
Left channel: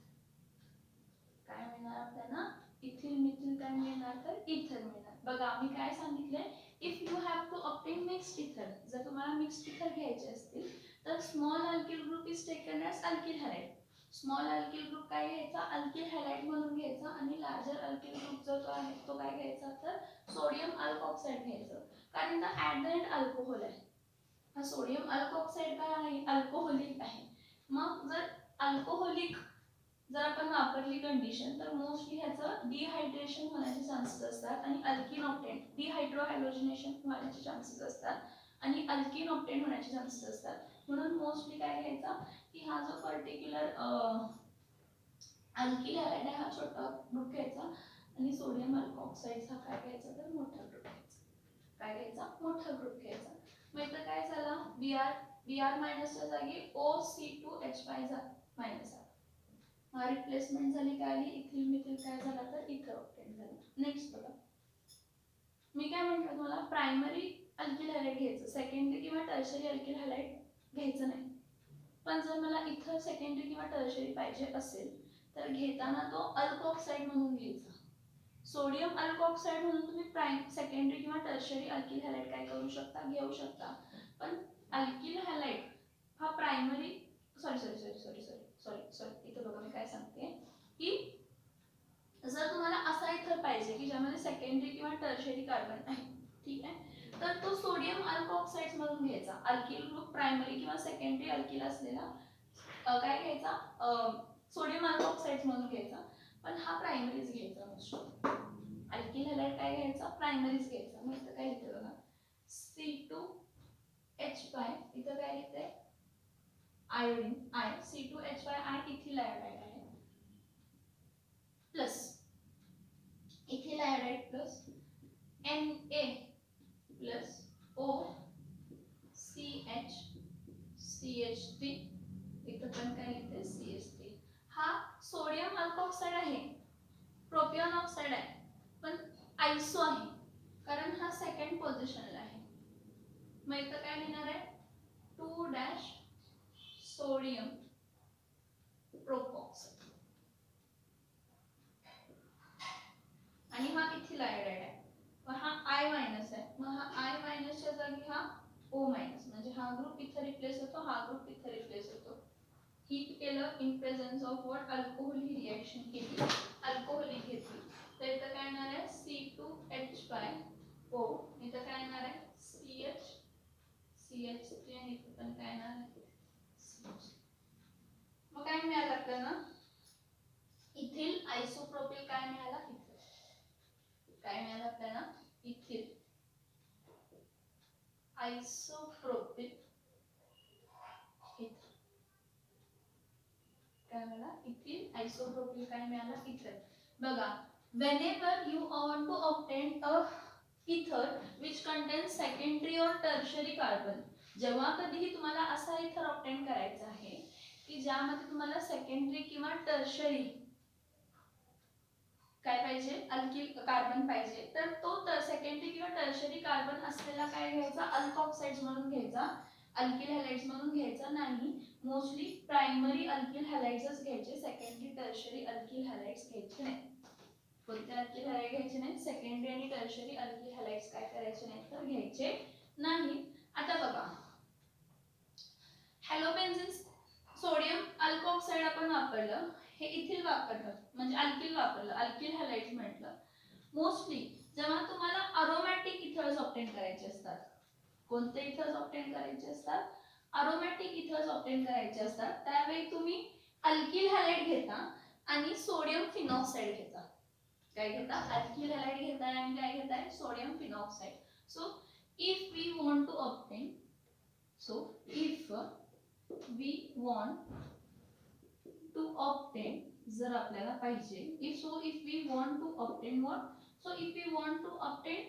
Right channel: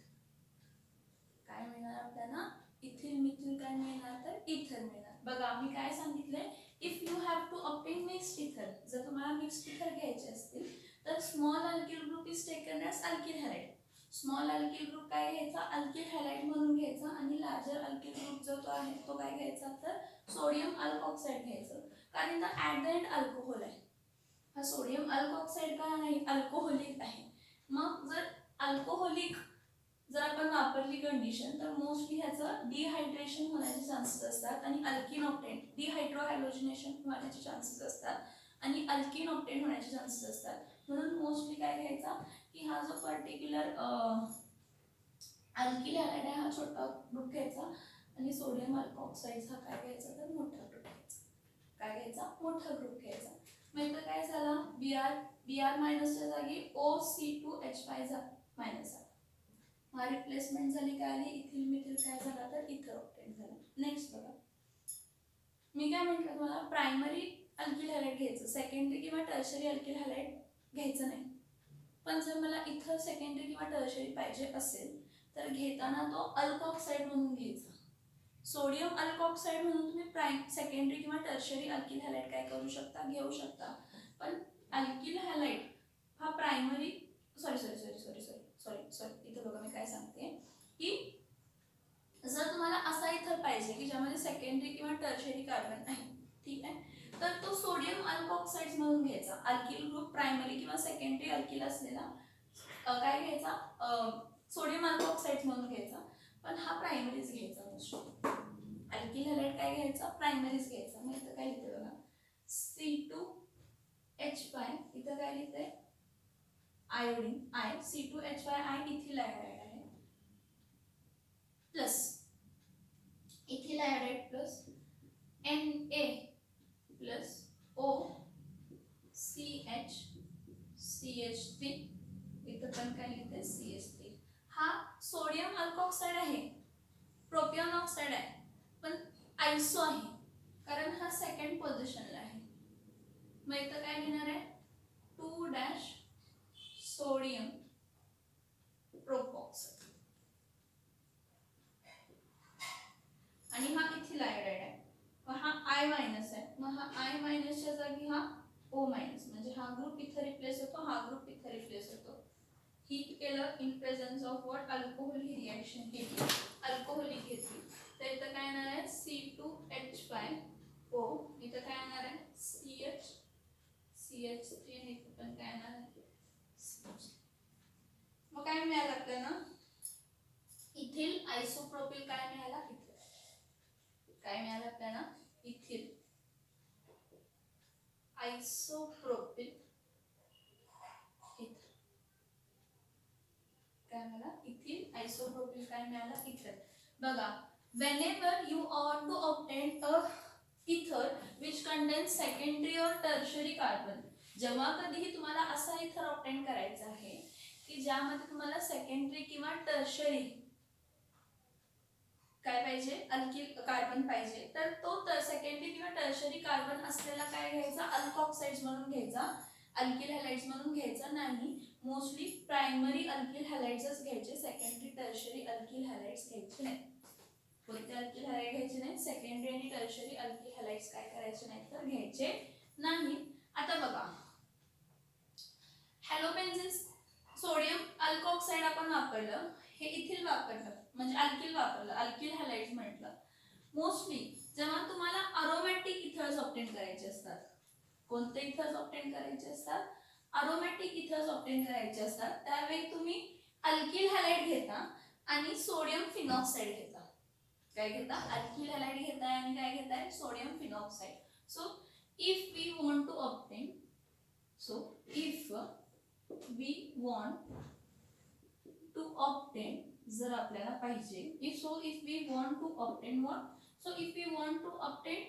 काय मिळणार आपल्याला? इथिल मिथिल काय मिळणार? तर इथर मिळणार. बघा मी काय सांगितलंय? If you have to obtain mixed ether. जर तुम्हाला मिक्स्ड इथर घ्यायचे असतील तर small alkyl group is taken as alkyl halide. Small alkyl group काय घ्यायचा, अल्किल हॅलाइड म्हणून घ्यायचा, आणि लार्जर अल्किल ग्रुप जो तो आहे तो काय घ्यायचा तर सोडियम अल्कोक्साईड घ्यायचं. कारण इथं ॲट द एंड अल्कोहोल आहे. हा सोडियम अल्कोक्साईड काय आहे, अल्कोहोलिक आहे. मग जर अल्कोहोलिक जर आपण वापरली कंडिशन तर मोस्टली ह्याचं डिहायड्रेशन होण्याचे चान्सेस असतात आणि अल्किन ऑक्टेन डिहायड्रोहॅलोजिनेशन होण्याचे चान्सेस असतात आणि अल्किन ऑक्टेन होण्याचे चान्सेस असतात. म्हणून मोस्टली काय घ्यायचा की हा जो पर्टिक्युलर अल्किल हॅलाइड आहे हा छोटा ग्रुप घ्यायचा आणि सोडियम अल्कोक्साईड हा काय घ्यायचा तर मोठा ग्रुप घ्यायचा. काय घ्यायचा, मोठा ग्रुप घ्यायचा. मग इथं काय झाला, Br मायनसच्या जागी OC2H5 मायनस आला. हा रिप्लेसमेंट झाली काय आली, इथिल मिथिल काय झाला तर इथर ऑक्टेन झाला. नेक्स्ट बघा, मी काय म्हटलं तुम्हाला प्रायमरी अल्किल हॅलाइड घ्यायचं, सेकंडरी किंवा टर्शरी अल्किल हॅलाइड घ्यायचं नाही. पण जर मला इथं सेकंडरी किंवा टर्शरी पाहिजे असेल तर घेताना तो अल्कोक्साईड म्हणून घ्यायचा. सोडियम अल्कोक्साईड म्हणून तुम्ही सेकंडरी किंवा टर्शरी अल्किल हॅलाइड काय करू शकता, घेऊ शकता. पण अल्किल हॅलाइड हा प्रायमरी सॉरी इथं बघा मी काय सांगते की जर तुम्हाला असा इथर पाहिजे की ज्यामध्ये सेकंडरी किंवा टर्शरी कार्बन आहे, ठीक आहे, तर तो सोडियम अल्कोक्साईड म्हणून घ्यायचा. अल्किल ग्रुप प्रायमरी किंवा सेकंडरी अल्किल असलेला काय घ्यायचा, सोडियम अल्कोक्साईड म्हणून घ्यायचा. पण हा प्रायमरीज घ्यायचा. अल्किल हॅलाइड काय घ्यायचा, प्रायमरीज घ्यायचा. मग इथं काय लिहिते बघा, C2H5 इथं काय लिहिते iodine I, C2H5 ethyl iodide आहे, plus ethyl iodide plus Na plus OCH3 इथं पण काय लिहिते CH3. हा सोडियम अल्कोक्साईड आहे, प्रोपियन ऑक्साईड आहे, पण आयसो आहे कारण हा सेकंड पोझिशनला आहे. मग इथं काय लिहिणार आहे 2- सोडियम प्रोपॉक्साईड आणि हा इथिल आयोडाइड आहे. मग हा I मायनस आहे, मग हा I मायनसच्या जागी हा O मायनस, म्हणजे हा ग्रुप इथं रिप्लेस होतो, हा ग्रुप इथं रिप्लेस होतो. हीट केलं in presence of what, alcohol he reaction केली, अल्कोहोलिक घेतली. तर इथं काय येणार आहे C2H5O, इथं काय येणार आहे CH3 आणि इथं पण काय येणार आहे. मग काय मिळालं आपल्याला, इथिल आयसोप्रोपिल काय मिळाला, काय मिळालं आपल्याला इथिल आयसोप्रोपिल काय मिळाला, इथिल आयसोप्रोपिल काय मिळाला इथर. बघा, whenever you want to obtain a ether which contains secondary or tertiary carbon, जेव्हा कधीही तुम्हाला असा इथर ऑब्टेन करायचा आहे की ज्यामध्ये तुम्हाला सेकंडरी किंवा टर्शरी काय पाहिजे, अल्किल कार्बन पाहिजे, तर तो सेकंडरी किंवा टर्शरी कार्बन असलेला काय घ्यायचा, अल्कोक्साइड्स म्हणून घ्यायचा, अल्किल हॅलाइड्स म्हणून घ्यायचा नाही. मोस्टली प्रायमरी अल्किल हॅलाइड्सच घ्यायचे, सेकंडरी टर्शरी अल्किल हॅलाइड्स घ्यायचे नाही. कोणते अल्किल हॅलाइड घ्यायचे नाही, सेकंडरी आणि टर्शरी अल्किल हॅलाइड्स काय करायचे नाही तर घ्यायचे नाही. आता बघा, हॅलोबेन्झीन सोडियम अल्कोक्साईड आपण वापरलं, हे इथिल वापरलं म्हणजे अल्किल वापरलं, अल्किल हॅलाइड्स म्हटलं. मोस्टली जेव्हा तुम्हाला अरोमॅटिक इथर्स ऑब्टेन करायचे असतात, कोणते इथर्स ऑब्टेन करायचे असतात, अरोमॅटिक इथर्स ऑब्टेन करायचे असतात, त्यावेळी तुम्ही अल्किल हॅलाइड घेता आणि सोडियम फिनॉक्साइड घेता. काय घेता, अल्किल हॅलाइड घेताय आणि काय घेताय, sodium phenoxide. So if we want to obtain, जर आपल्याला पाहिजे, if we want to obtain what, so if we want to obtain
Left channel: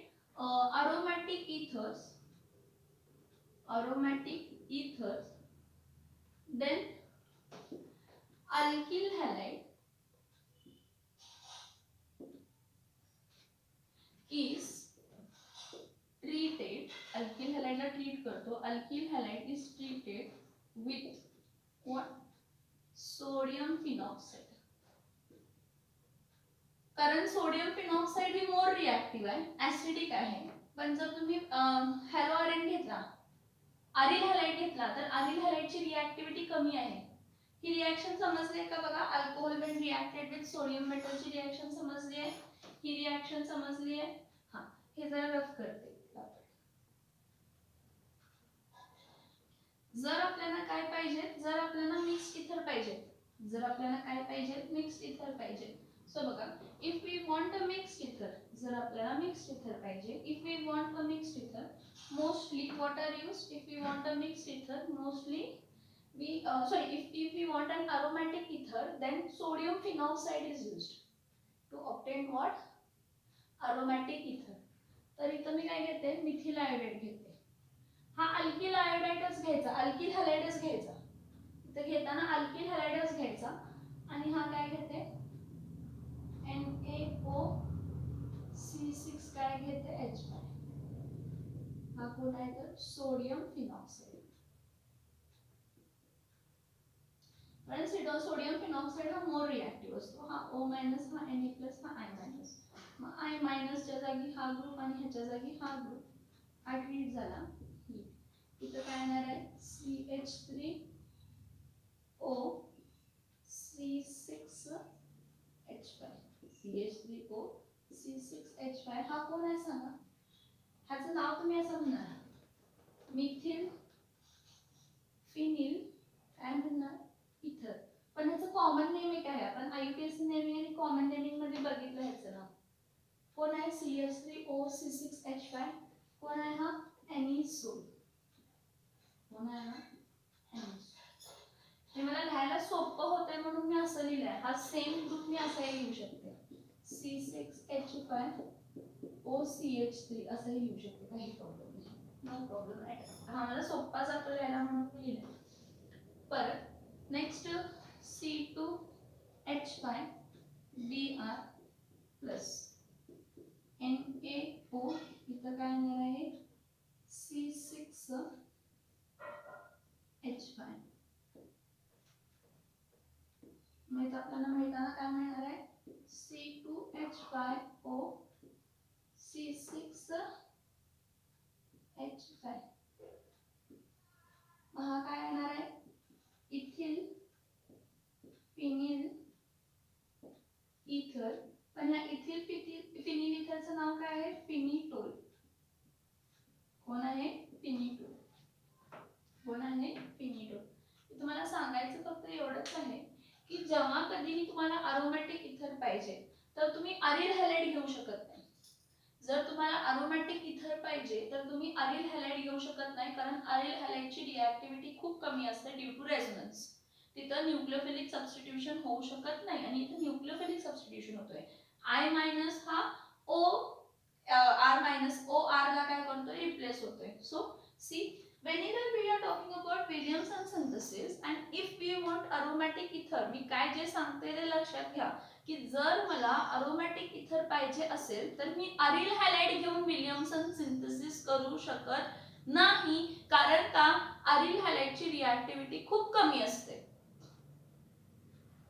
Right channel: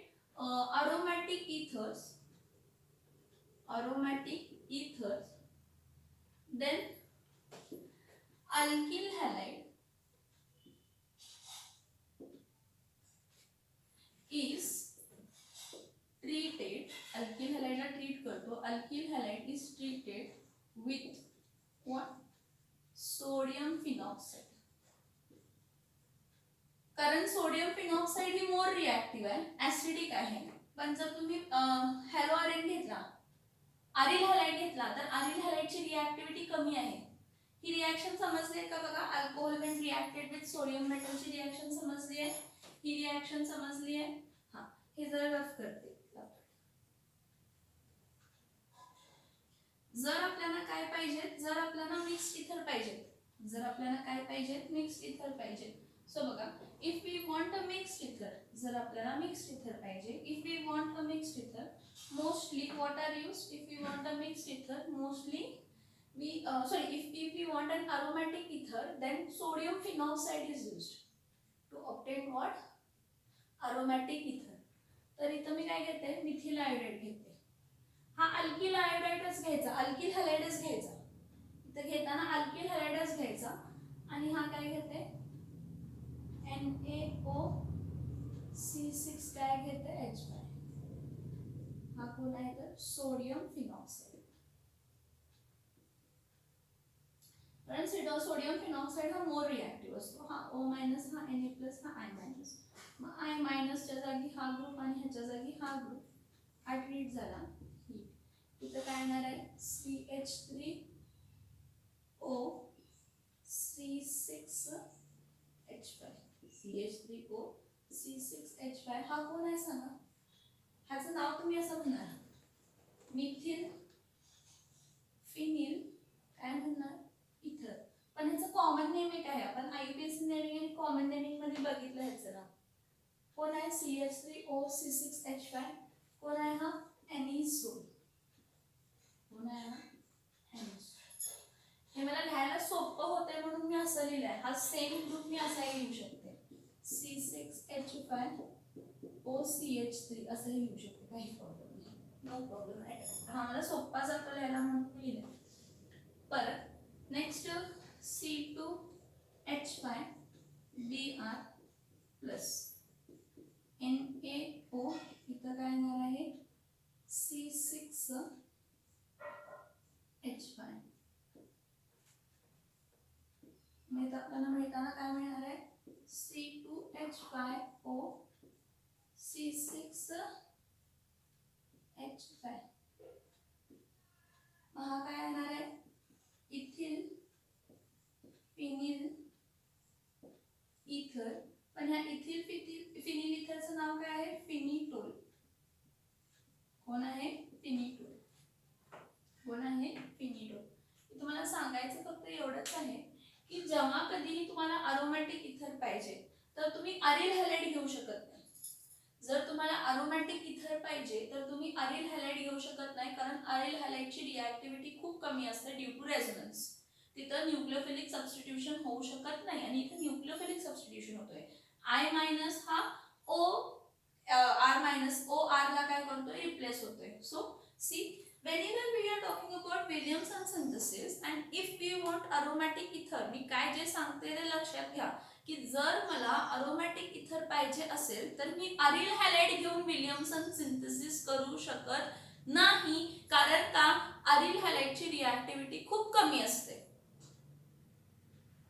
aromatic ethers, then alkyl halide is treated, alkyl halide ला treat करतो, alkyl halide is treated with what, sodium phenoxide. कारण sodium phenoxide ही मोर reactive आहे, acidic आहे. पण जर तुम्ही हॅलोआरएन घेतला, aril halide घेतला तर अरिल हॅलाइडची रिॲक्टिव्हिटी कमी आहे. ही रिॲक्शन समजली आहे का बघा? Alcohol when reacted with sodium मेटलची रिॲक्शन समजली आहे. ही रिॲक्शन समजली आहे. हा, हे जरा रफ करते. जर आपल्याला काय पाहिजे? जर आपल्याला मिक्स्ड इथर पाहिजे, जर आपल्याला काय पाहिजे? मिक्स्ड इथर पाहिजे. सो बघा, if we want a mixed ether, जर आपल्याला मिक्स्ड इथर पाहिजे, if we want a mixed ether, mostly what are used? If we want a mixed ether, mostly we if we want an aromatic ether, then sodium phenoxide is used to obtain what? Aromatic ether. तर इथं मी काय घेते? Methyl iodide घेते. हा alkyl आयोडाइडच घ्यायचा, alkyl हॅलाइडच घ्यायचा. इथं घेताना अल्किल हॅलाइडच घ्यायचा. आणि हा काय घेते? NaOC6 काय घेते? H5. हा कोण आहे तर? Sodium phenoxide. कारण सोडियम फिनॉक्साइड हा मोर रिॲक्टिव्ह असतो. हा O मायनस, हा Na प्लस, हा I मायनस. मग I मायनसच्या जागी हा ग्रुप आणि ह्याच्या जागी हा ग्रुप, हा ट्रीट झाला. इथं काय येणार आहे? CH3O C6H5. CH3O C6H5 हा कोण आहे सांगा? ह्याचं नाव तुम्ही असं म्हणणार, मिथिल फिनिल काय म्हणणार? इथर. पण ह्याचं कॉमन नेम एक आहे. आपण IUPAC नेमिंग आणि कॉमन नेमिंग मध्ये बघितलं ह्याचं नाव. कोण आहे? CH3O C6H5. कोण आहे हा? एनिसोल. कोण आहे हा? एनिसोल. हे मला लिहायला सोपं होतंय म्हणून मी असं लिहिलंय. हा सेम ग्रुप मी असाही लिहू शकते, C6H5OCH3 असंही लिहू शकते, काही प्रॉब्लेम नाही, नो प्रॉब्लेम. हा मला सोपा जातो लिहायला म्हणून लिहिलंय. परत नेक्स्ट C2H5Br प्लस NaO. इथं काय येणार आहे? C6H5. मग इथं आपल्याला मिळताना काय मिळणार आहे? C2H5O C6H5. हा काय येणार आहे? इथिल फिनिल इथर. पण ह्या इथिल फिनिल इथरचं नाव काय आहे? फिनिटोल. कोण आहे? फिनिटोल. कोण आहे? फिनिटोल. तुम्हाला सांगायचं फक्त एवढंच आहे की जेव्हा कधीही तुम्हाला अरोमॅटिक इथर पाहिजे तर तुम्ही अरिल हॅलाइड घेऊ शकत नाही. जर तुम्हाला अरोमॅटिक इथर पाहिजे तर तुम्ही अरिल हॅलाइड घेऊ शकत नाही, कारण अरिल हॅलाइडची रिॲक्टिव्हिटी खूप कमी असते ड्यू टू रेझोनन्स. तिथं न्यूक्लियोफिलिक सबस्टिट्यूशन होऊ शकत नाही आणि इथं न्यूक्लियोफिलिक सबस्टिट्यूशन होतोय. I मायनस हा O R minus O R ला काय करतो? रिप्लेस होतोय. So see, whenever we are talking about Williamson synthesis and if we want aromatic ether, मी काय जे सांगते ते लक्षात घ्या की जर मला अरोमॅटिक इथर पाहिजे असेल तर मी अरिल हॅलाइड घेऊन विलियमसन सिंथेसिस करू शकत नाही. कारण का? अरिल हॅलाइडची रिॲक्टिव्हिटी खूप कमी असते.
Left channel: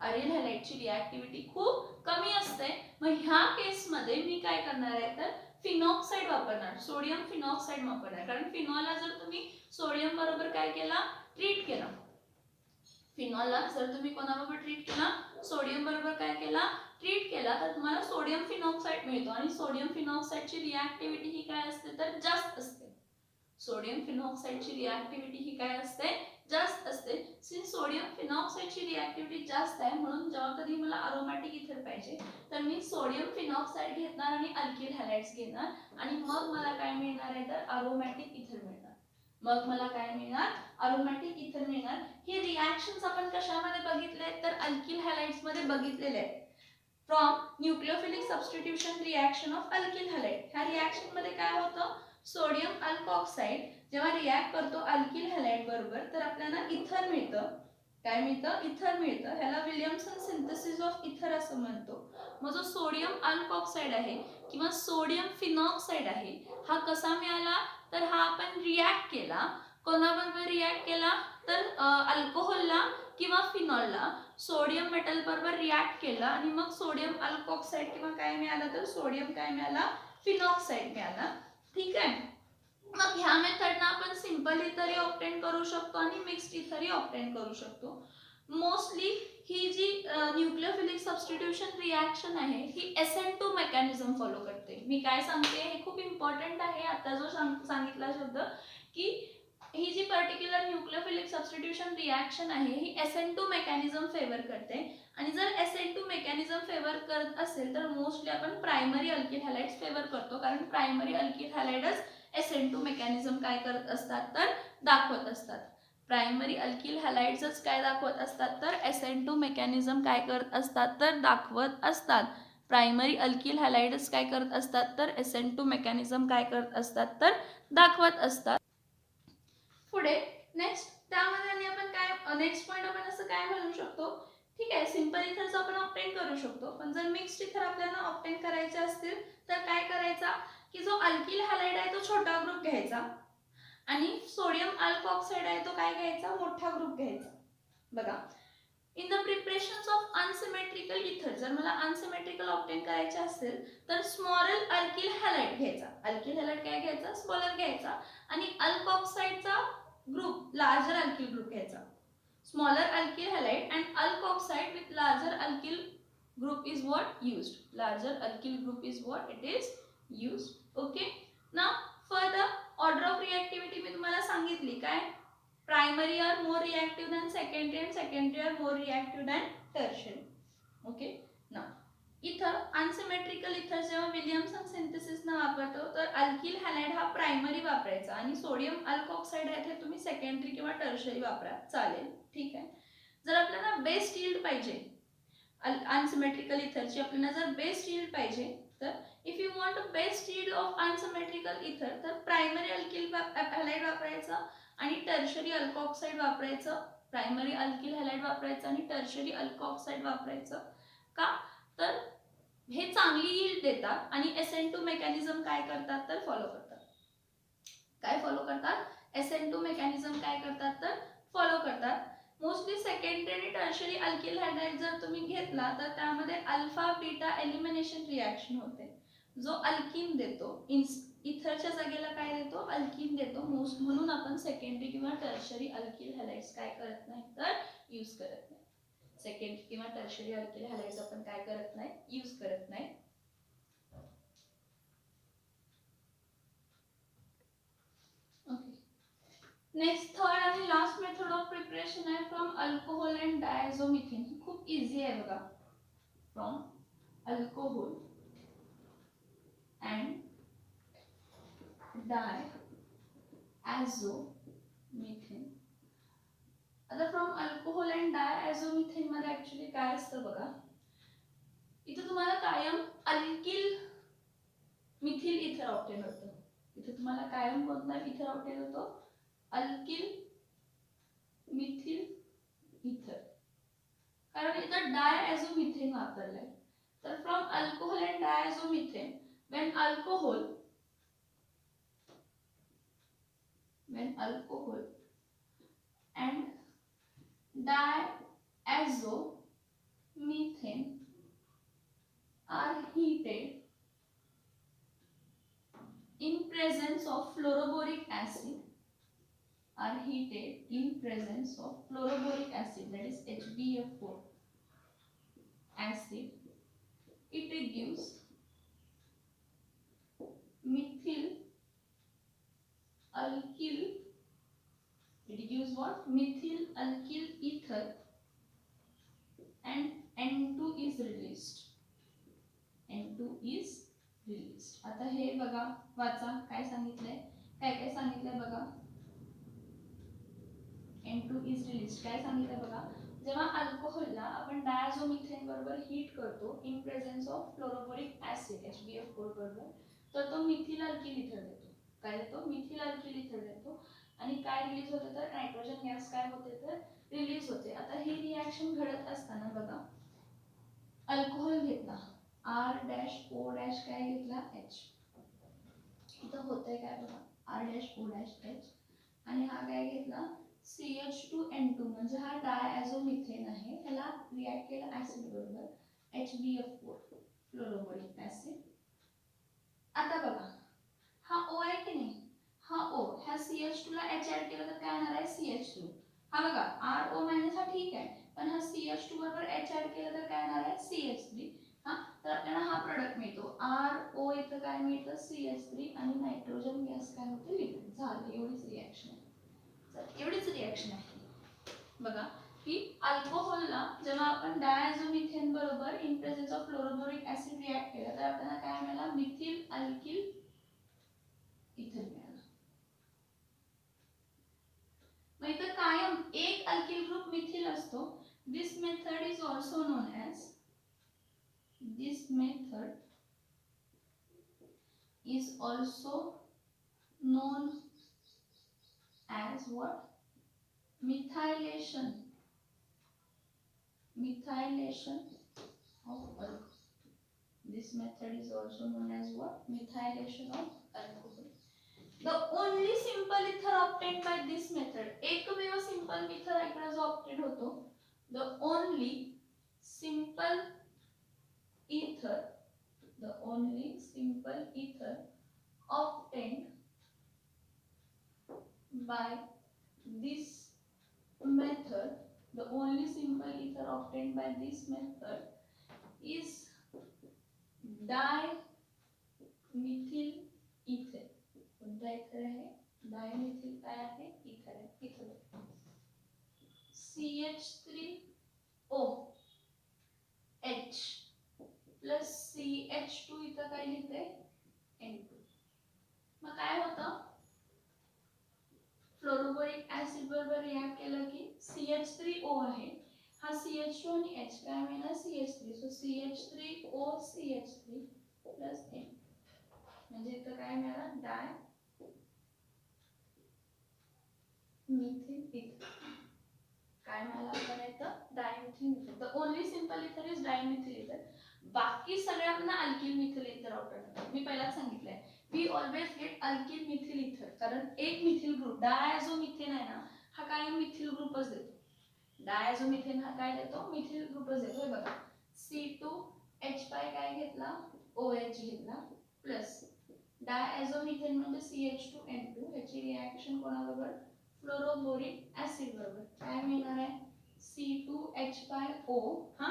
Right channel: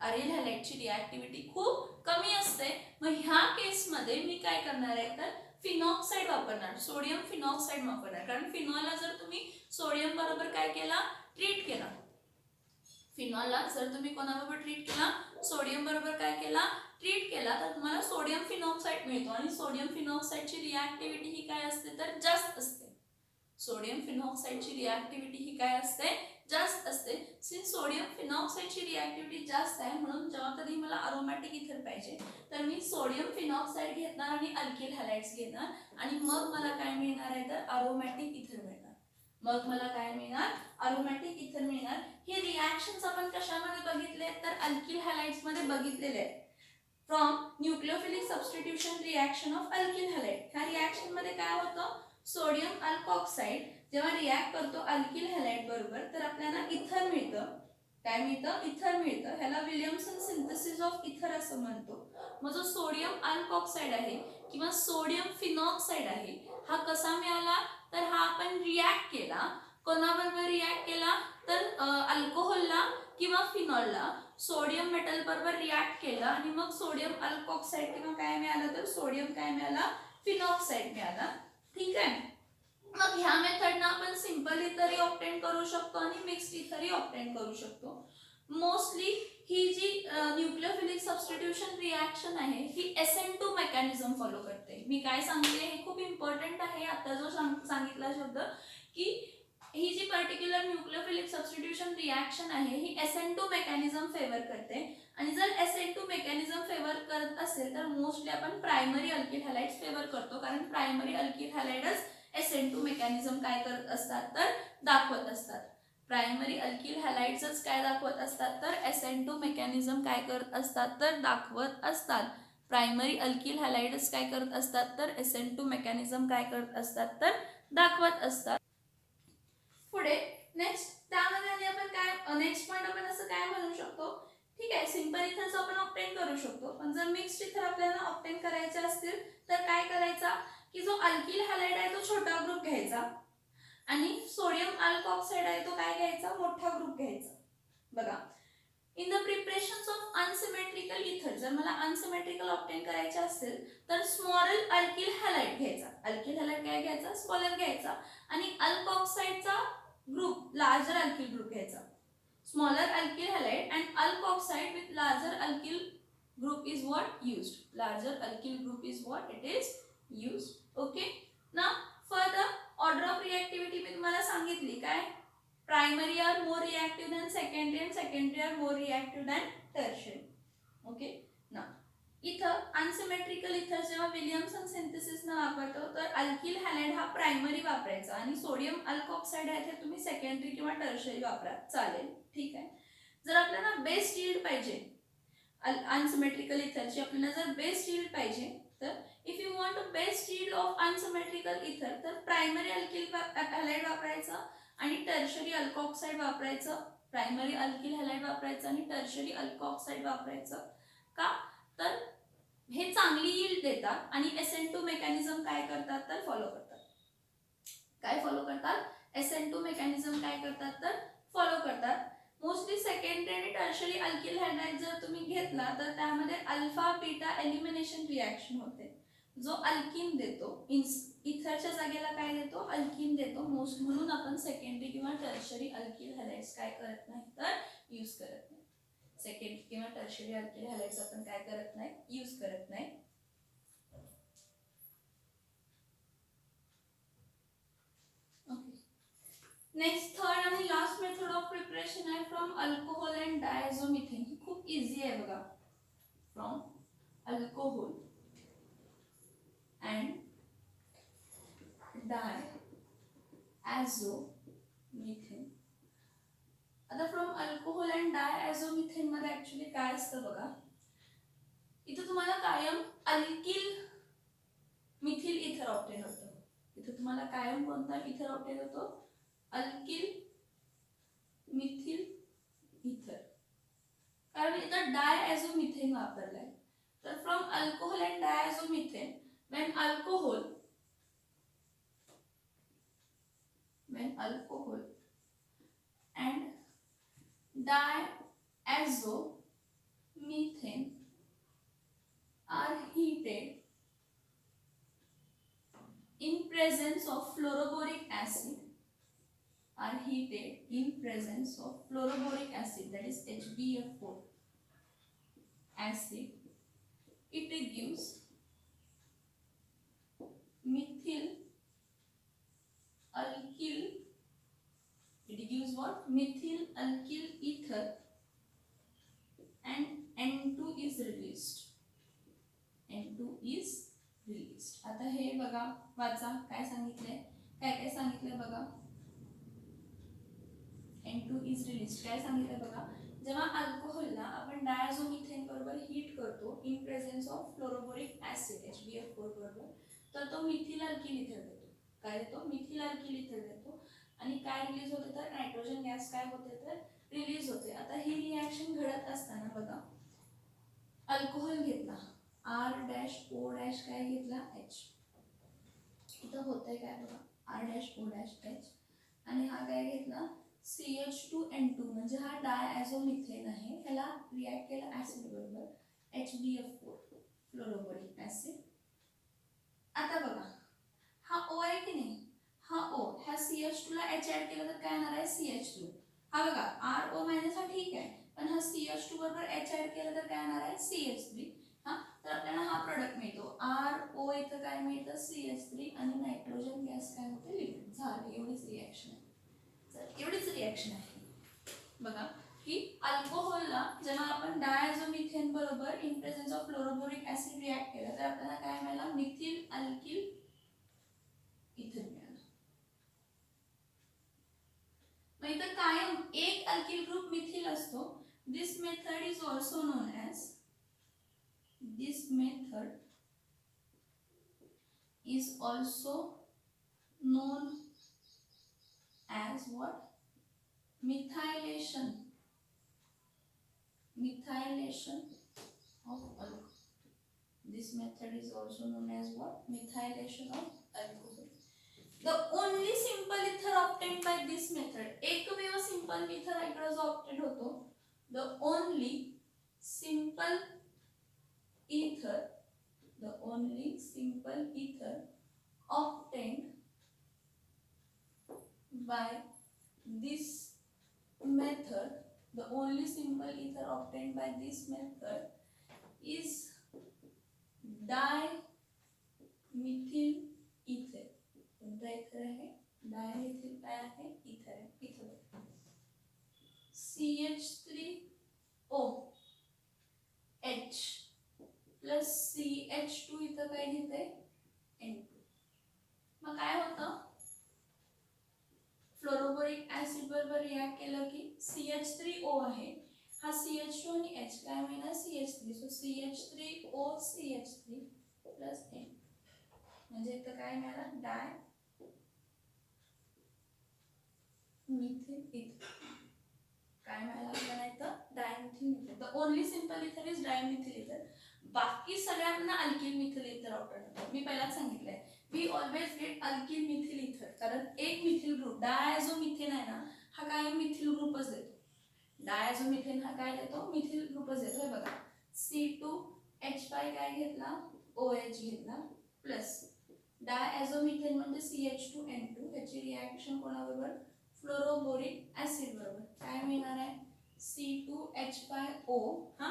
अरिल हॅलाइडची रिॲक्टिव्हिटी खूप कमी असते. मग ह्या केसमध्ये मी काय करणार आहे तर फिनॉक्साइड वापरणार, सोडियम फिनॉक्साइड वापरणार. कारण फिनॉलला जर तुम्ही सोडियम बरोबर काय केला? ट्रीट केला. फिनॉलला जर तुम्ही कोणाबरोबर ट्रीट केला? सोडियम बरोबर काय केला? ट्रीट केला, तर तुम्हाला सोडियम फिनॉक्साइड मिळतो. आणि सोडियम फिनॉक्साइडची रिॲक्टिव्हिटी ही काय असते तर जास्त असते. सोडियम फिनॉक्साइडची रिॲक्टिव्हिटी ही काय असते? जास्त असते. सिन्स सोडियम फिनॉक्साइडची रिॲक्टिव्हिटी जास्त आहे म्हणून जेव्हा कधी मला अरोमॅटिक इथर पाहिजे तर मी सोडियम फिनॉक्साइड घेणार आणि अल्किल हॅलाइड्स घेणार आणि मग मला काय मिळणार आहे तर अरोमॅटिक इथर मिळणार. मग मला काय मिळणार? अरोमॅटिक इथर मिळणार. हे रिॲक्शन्स आपण कशामध्ये बघितले तर अल्किल हॅलाइड्स मध्ये बघितलेले आहेत. From nucleophilic substitution reaction of alkyl halide. ह्या रिॲक्शन मध्ये काय होतं? सोडियम अल्कॉक्साइड जेव्हा रिॲक्ट करतो अल्किल हॅलाइड बरोबर तर आपल्याला इथर मिळतं. काय मिळतं? इथर मिळतं. ह्याला विलियमसन सिंथेसिस ऑफ इथर असं म्हणतो. मग जो सोडियम अल्कॉक्साइड आहे किंवा सोडियम फिनॉक्साइड आहे हा कसा मिळाला तर हा आपण रिॲक्ट केला. कोणाबरोबर रिॲक्ट केला तर अल्कोहोलला किंवा फिनॉलला सोडियम मेटल बरोबर रिॲक्ट केला आणि मग सोडियम अल्कॉक्साइड किंवा काय मिळालं तर सोडियम काय मिळाला? फिनॉक्साइड मिळाला. ठीक आहे. मग ह्या मेथडनं आपण सिंपली इथरही ऑप्टेन करू शकतो आणि मिक्स्ड इथरही ऑप्टेन करू शकतो. मोस्टली ही जी न्यूक्लियोफिलिक सबस्टिट्यूशन रिॲक्शन आहे ही SN2 मेकॅनिझम फॉलो करते. मी काय सांगते हे खूप इम्पॉर्टंट आहे. आता जो सांगितला शब्द की ही जी पर्टिक्युलर न्यूक्लियोफिलिक सबस्टिट्यूशन रिॲक्शन आहे ही SN2 मेकॅनिझम फेवर करते. आणि जर SN2 मेकॅनिझम फेवर करत असेल तर मोस्टली आपण प्रायमरी अल्किल हॅलाइड्स फेवर करतो, कारण प्रायमरी अल्किल हॅलाइडच SN2 मेकॅनिझम काय करत असतात तर दाखवत असतात. प्रायमरी अल्किल हॅलाइड्सच काय दाखवत असतात तर SN2 मेकॅनिझम काय करत असतात तर दाखवत असतात. प्रायमरी अल्किल हॅलाइड्स काय करत असतात तर SN2 मेकॅनिझम काय करत असतात तर दाखवत असतात. पुढे नेक्स्ट त्यामध्ये आणि आपण काय नेक्स्ट पॉइंट आपण असं काय म्हणू शकतो, ठीक आहे सिंपल इथर्स आपण ऑप्टेन करू शकतो, पण जर मिक्स्ड इथर आपल्याला ऑप्टेन करायचे असतील तर काय करायचा की जो अल्किल हॅलाइड आहे तो छोटा ग्रुप घ्यायचा आणि सोडियम अल्कोऑक्साइड आहे तो काय घ्यायचा मोठा ग्रुप घ्यायचा. बघा in the preparations of unsymmetrical इथर जर मला अनसिमेट्रिकल ऑप्टेन करायचे असेल तर स्मॉलर अल्किल हॅलाइड घ्यायचा. अल्किल हॅलाइड काय घ्यायचा स्मॉलर घ्यायचा आणि अल्कोऑक्साइडचा ग्रुप लार्जर अल्किल ग्रुप घ्यायचा. Smaller alkyl halide and alkoxide with larger alkyl group is what used. Larger alkyl group is what it is used. Okay. Now further order of reactivity मी तुम्हाला सांगितली काय primary are more reactive than secondary and secondary are more reactive than tertiary. Okay. Now इथं unsymmetrical इथर जेव्हा Williamson synthesis न वापरतो तर alkyl halide हा प्रायमरी वापरायचा आणि सोडियम अल्कोऑक्साइड आहे ते तुम्ही सेकंडरी किंवा टर्शरी वापरा चालेल. ठीक आहे. जर आपल्याला बेस्ट यील्ड पाहिजे अनसिमेट्रिकल इथरची आपल्याला जर बेस्ट यील्ड पाहिजे तर if you want a best yield of unsymmetrical इथर तर प्रायमरी अल्किल हॅलाइड वापरायचं आणि टर्शरी अल्कोऑक्साइड वापरायचं. प्रायमरी अल्किल हॅलाइड वापरायचं आणि टर्शरी अल्कोऑक्साइड वापरायचं. का तर हे चांगली यील्ड देतात आणि SN2 मेकॅनिझम काय करतात तर फॉलो करतात. काय फॉलो करतात SN2 मेकॅनिझम काय करतात तर फॉलो करतात. मोस्टली सेकंडरी आणि टर्शरी अल्किल हॅलाइड जर तुम्ही घेतला तर त्यामध्ये अल्फा बीटा एलिमिनेशन रिॲक्शन होते. जो अल्किन देतो इथरच्या जागेला काय देतो अल्किन देतो. मोस्ट म्हणून आपण सेकंडरी किंवा टर्शरी अल्किल हॅलाइड्स काय करत नाही तर यूज करत नाही. सेकंडरी किंवा टर्शरी अल्किल हॅलाइड्स आपण काय करत नाही यूज करत नाही. नेक्स्ट थर्ड आणि लास्ट मेथड ऑफ प्रिपरेशन आहे फ्रॉम अल्कोहोल अँड डायझोमिथेन. ही खूप इझी आहे बघा. From alcohol and diazomethane. आता फ्रॉम अल्कोहोल अँड डायझोमिथेन मध्ये ऍक्च्युली काय असतं बघा. इथे तुम्हाला कायम अल्किल मिथिल इथर ऑप्टेन होतं. इथे तुम्हाला कायम कोणता इथर ऑप्टेन होतो अल्किल मिथिल इथर, कारण इथं डायझोमिथेन वापरलाय. तर from alcohol and diazomethane when alcohol and diazomethane are heated in presence of fluoroboric acid, that is HBF4 acid, it gives methyl alkyl ether and N2 is released. आता हे बघा वाचा काय सांगितलंय काय सांगितलंय बघा. N2 is released काय सांगितलंय बघा. जेव्हा अल्कोहोलला आपण डायझोमिथेन बरोबर हीट करतो in presence of fluoroboric acid HBF4 बरोबर तर तो मिथिल अल्किल इथर देतो. काय देतो मिथिल अल्किल इथर देतो आणि काय रिलीज होते तर नायट्रोजन गॅस काय होते तर रिलीज होते. आता ही रिॲक्शन घडत असताना बघा अल्कोहोल घेतला R-O- काय घेतला H. इथं होतंय काय बघा R-O-H आणि हा काय घेतला CH2N2 म्हणजे हा डायझोमिथेन आहे. ह्याला रिॲक्ट केला ऍसिड बरोबर HBF4 फ्लोरोबोरिक ऍसिड. आता बघा हा O आहे की नाही, हा O ह्या CH2 ला ला H ऍड केलं तर काय येणार आहे CH2. हा बघा RO मायनस हा ठीक आहे, पण हा CH2 बरोबर H ऍड केलं तर काय येणार आहे CH3. हा तर आपल्याला हा प्रोडक्ट मिळतो. RO इथं काय मिळतं CH3 आणि नायट्रोजन गॅस काय होतं लिक्विड. झालं, एवढीच रिॲक्शन आहे. एवढीच रिॲक्शन आहे. बघा की अल्कोहोलला जेव्हा आपण डायझोमिथेन बरोबर in presence of fluoroboric acid react केला तर आपल्याला काय मिळालं मिथिल अल्किल इथर मिळालं. मग इथं कायम एक अल्किल ग्रुप मिथिल असतो. This method is also known as what? Methylation of alcohol. This method is also known as what? Methylation of alcohol. The only simple ether obtained by this method, एकमेव simple ether इकडे जो obtained होतो, the only simple ether obtained by this method, the only simple ether obtained by this method is dimethyl ether. कोणता ether आहे? Dimethyl काय आहे? ether आहे. इथं CH3OH प्लस CH2 इथं काय लिहिते? N2. मग काय होतं? फ्लोरोबोरिक ऍसिड बरोबर रिॲक्ट केलं की CH3O आहे, हा CH2 आणि H काय मिळणार CH3. So CH3O CH3 plus N म्हणजे इथं काय मिळालं डायमिथिल इथर. काय मिळालं आपल्याला इथं डायमिथिल इथर. द ओनली सिंपल इथर इज डायमिथिल इथर. बाकी सगळ्यांना अल्किल मिथिल इथर ऑप्टेन होतं. मी पहिलाच सांगितलंय we always get alkyl methyl ether, कारण एक मिथिल ग्रुप डायझोमिथेन आहे ना हा काय मिथिल ग्रुपच देतो. डायझोमिथेन हा काय देतो मिथिल ग्रुपच देतो. हे बघा C2H5 काय घेतला OH घेतला प्लस डायझोमिथेन म्हणजे CH2N2 ह्याची रिॲक्शन कोणाबरोबर फ्लोरोबोरिक ऍसिड बरोबर काय मिळणार आहे C2H5O. हा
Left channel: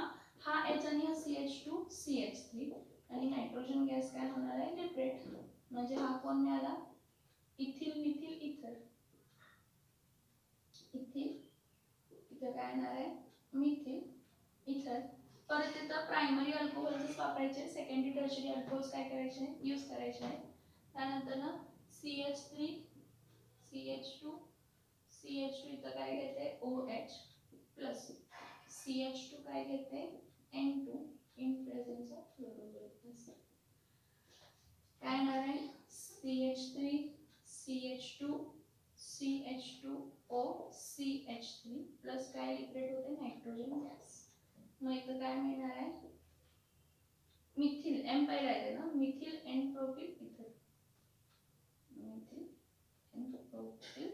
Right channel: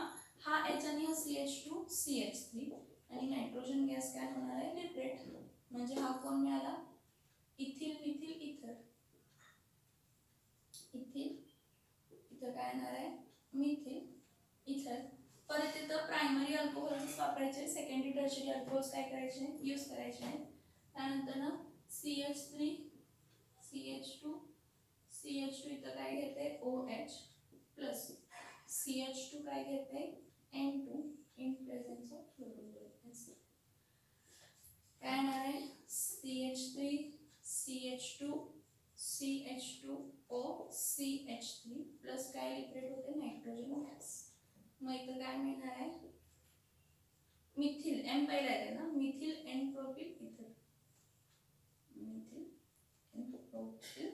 H आणि हा CH2 CH3 आणि नायट्रोजन गॅस काय होणार आहे लिक्विड. म्हणजे हा कोण मिळाला इथिल मिथिल इथर. इथिल इथं काय येणार आहे मिथिल इथर. परत इथं प्रायमरी अल्कोहोल्सच वापरायचे, सेकंडरी टर्शरी अल्कोहोल्स काय करायचे यूज करायचे आहे. त्यानंतर ना CH3 CH2 इथं काय घेते OH प्लस CH2 काय घेते N2 in presence of fluoroboric acid. काय येणार आहे CH3 CH2 CH2O CH3 plus काय लिक्विड होते नायट्रोजन गॅस. मग इथं काय मिळणार आहे मिथिल M पहिला येते ना मिथिल N प्रोपिल इथर. मिथिल N प्रोपिल इथर.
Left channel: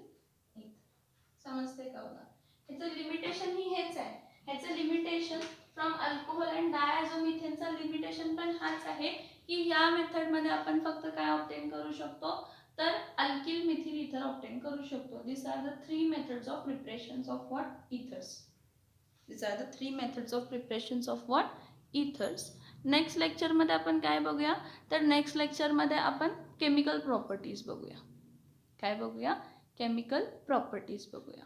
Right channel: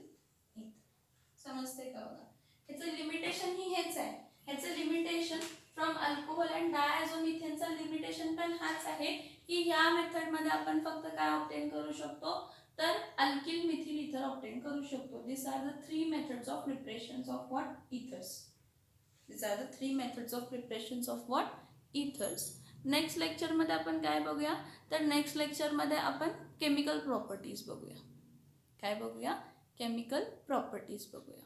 समजते का बघा. ह्याचं लिमिटेशन ही हेच आहे. ह्याचं लिमिटेशन फ्रॉम अल्कोहोल अँड डायझोमिथेनचा लिमिटेशन पण हाच आहे की या मेथड मध्ये आपण फक्त काय ऑब्टेन करू शकतो तर अल्किल मिथिल इथर ऑब्टेन करू शकतो. This are the three methods of preparations of what ethers. Next लेक्चरमध्ये आपण काय बघूया तर नेक्स्ट लेक्चरमध्ये आपण केमिकल प्रॉपर्टीज बघूया. काय बघूया केमिकल प्रॉपर्टीज बघूया.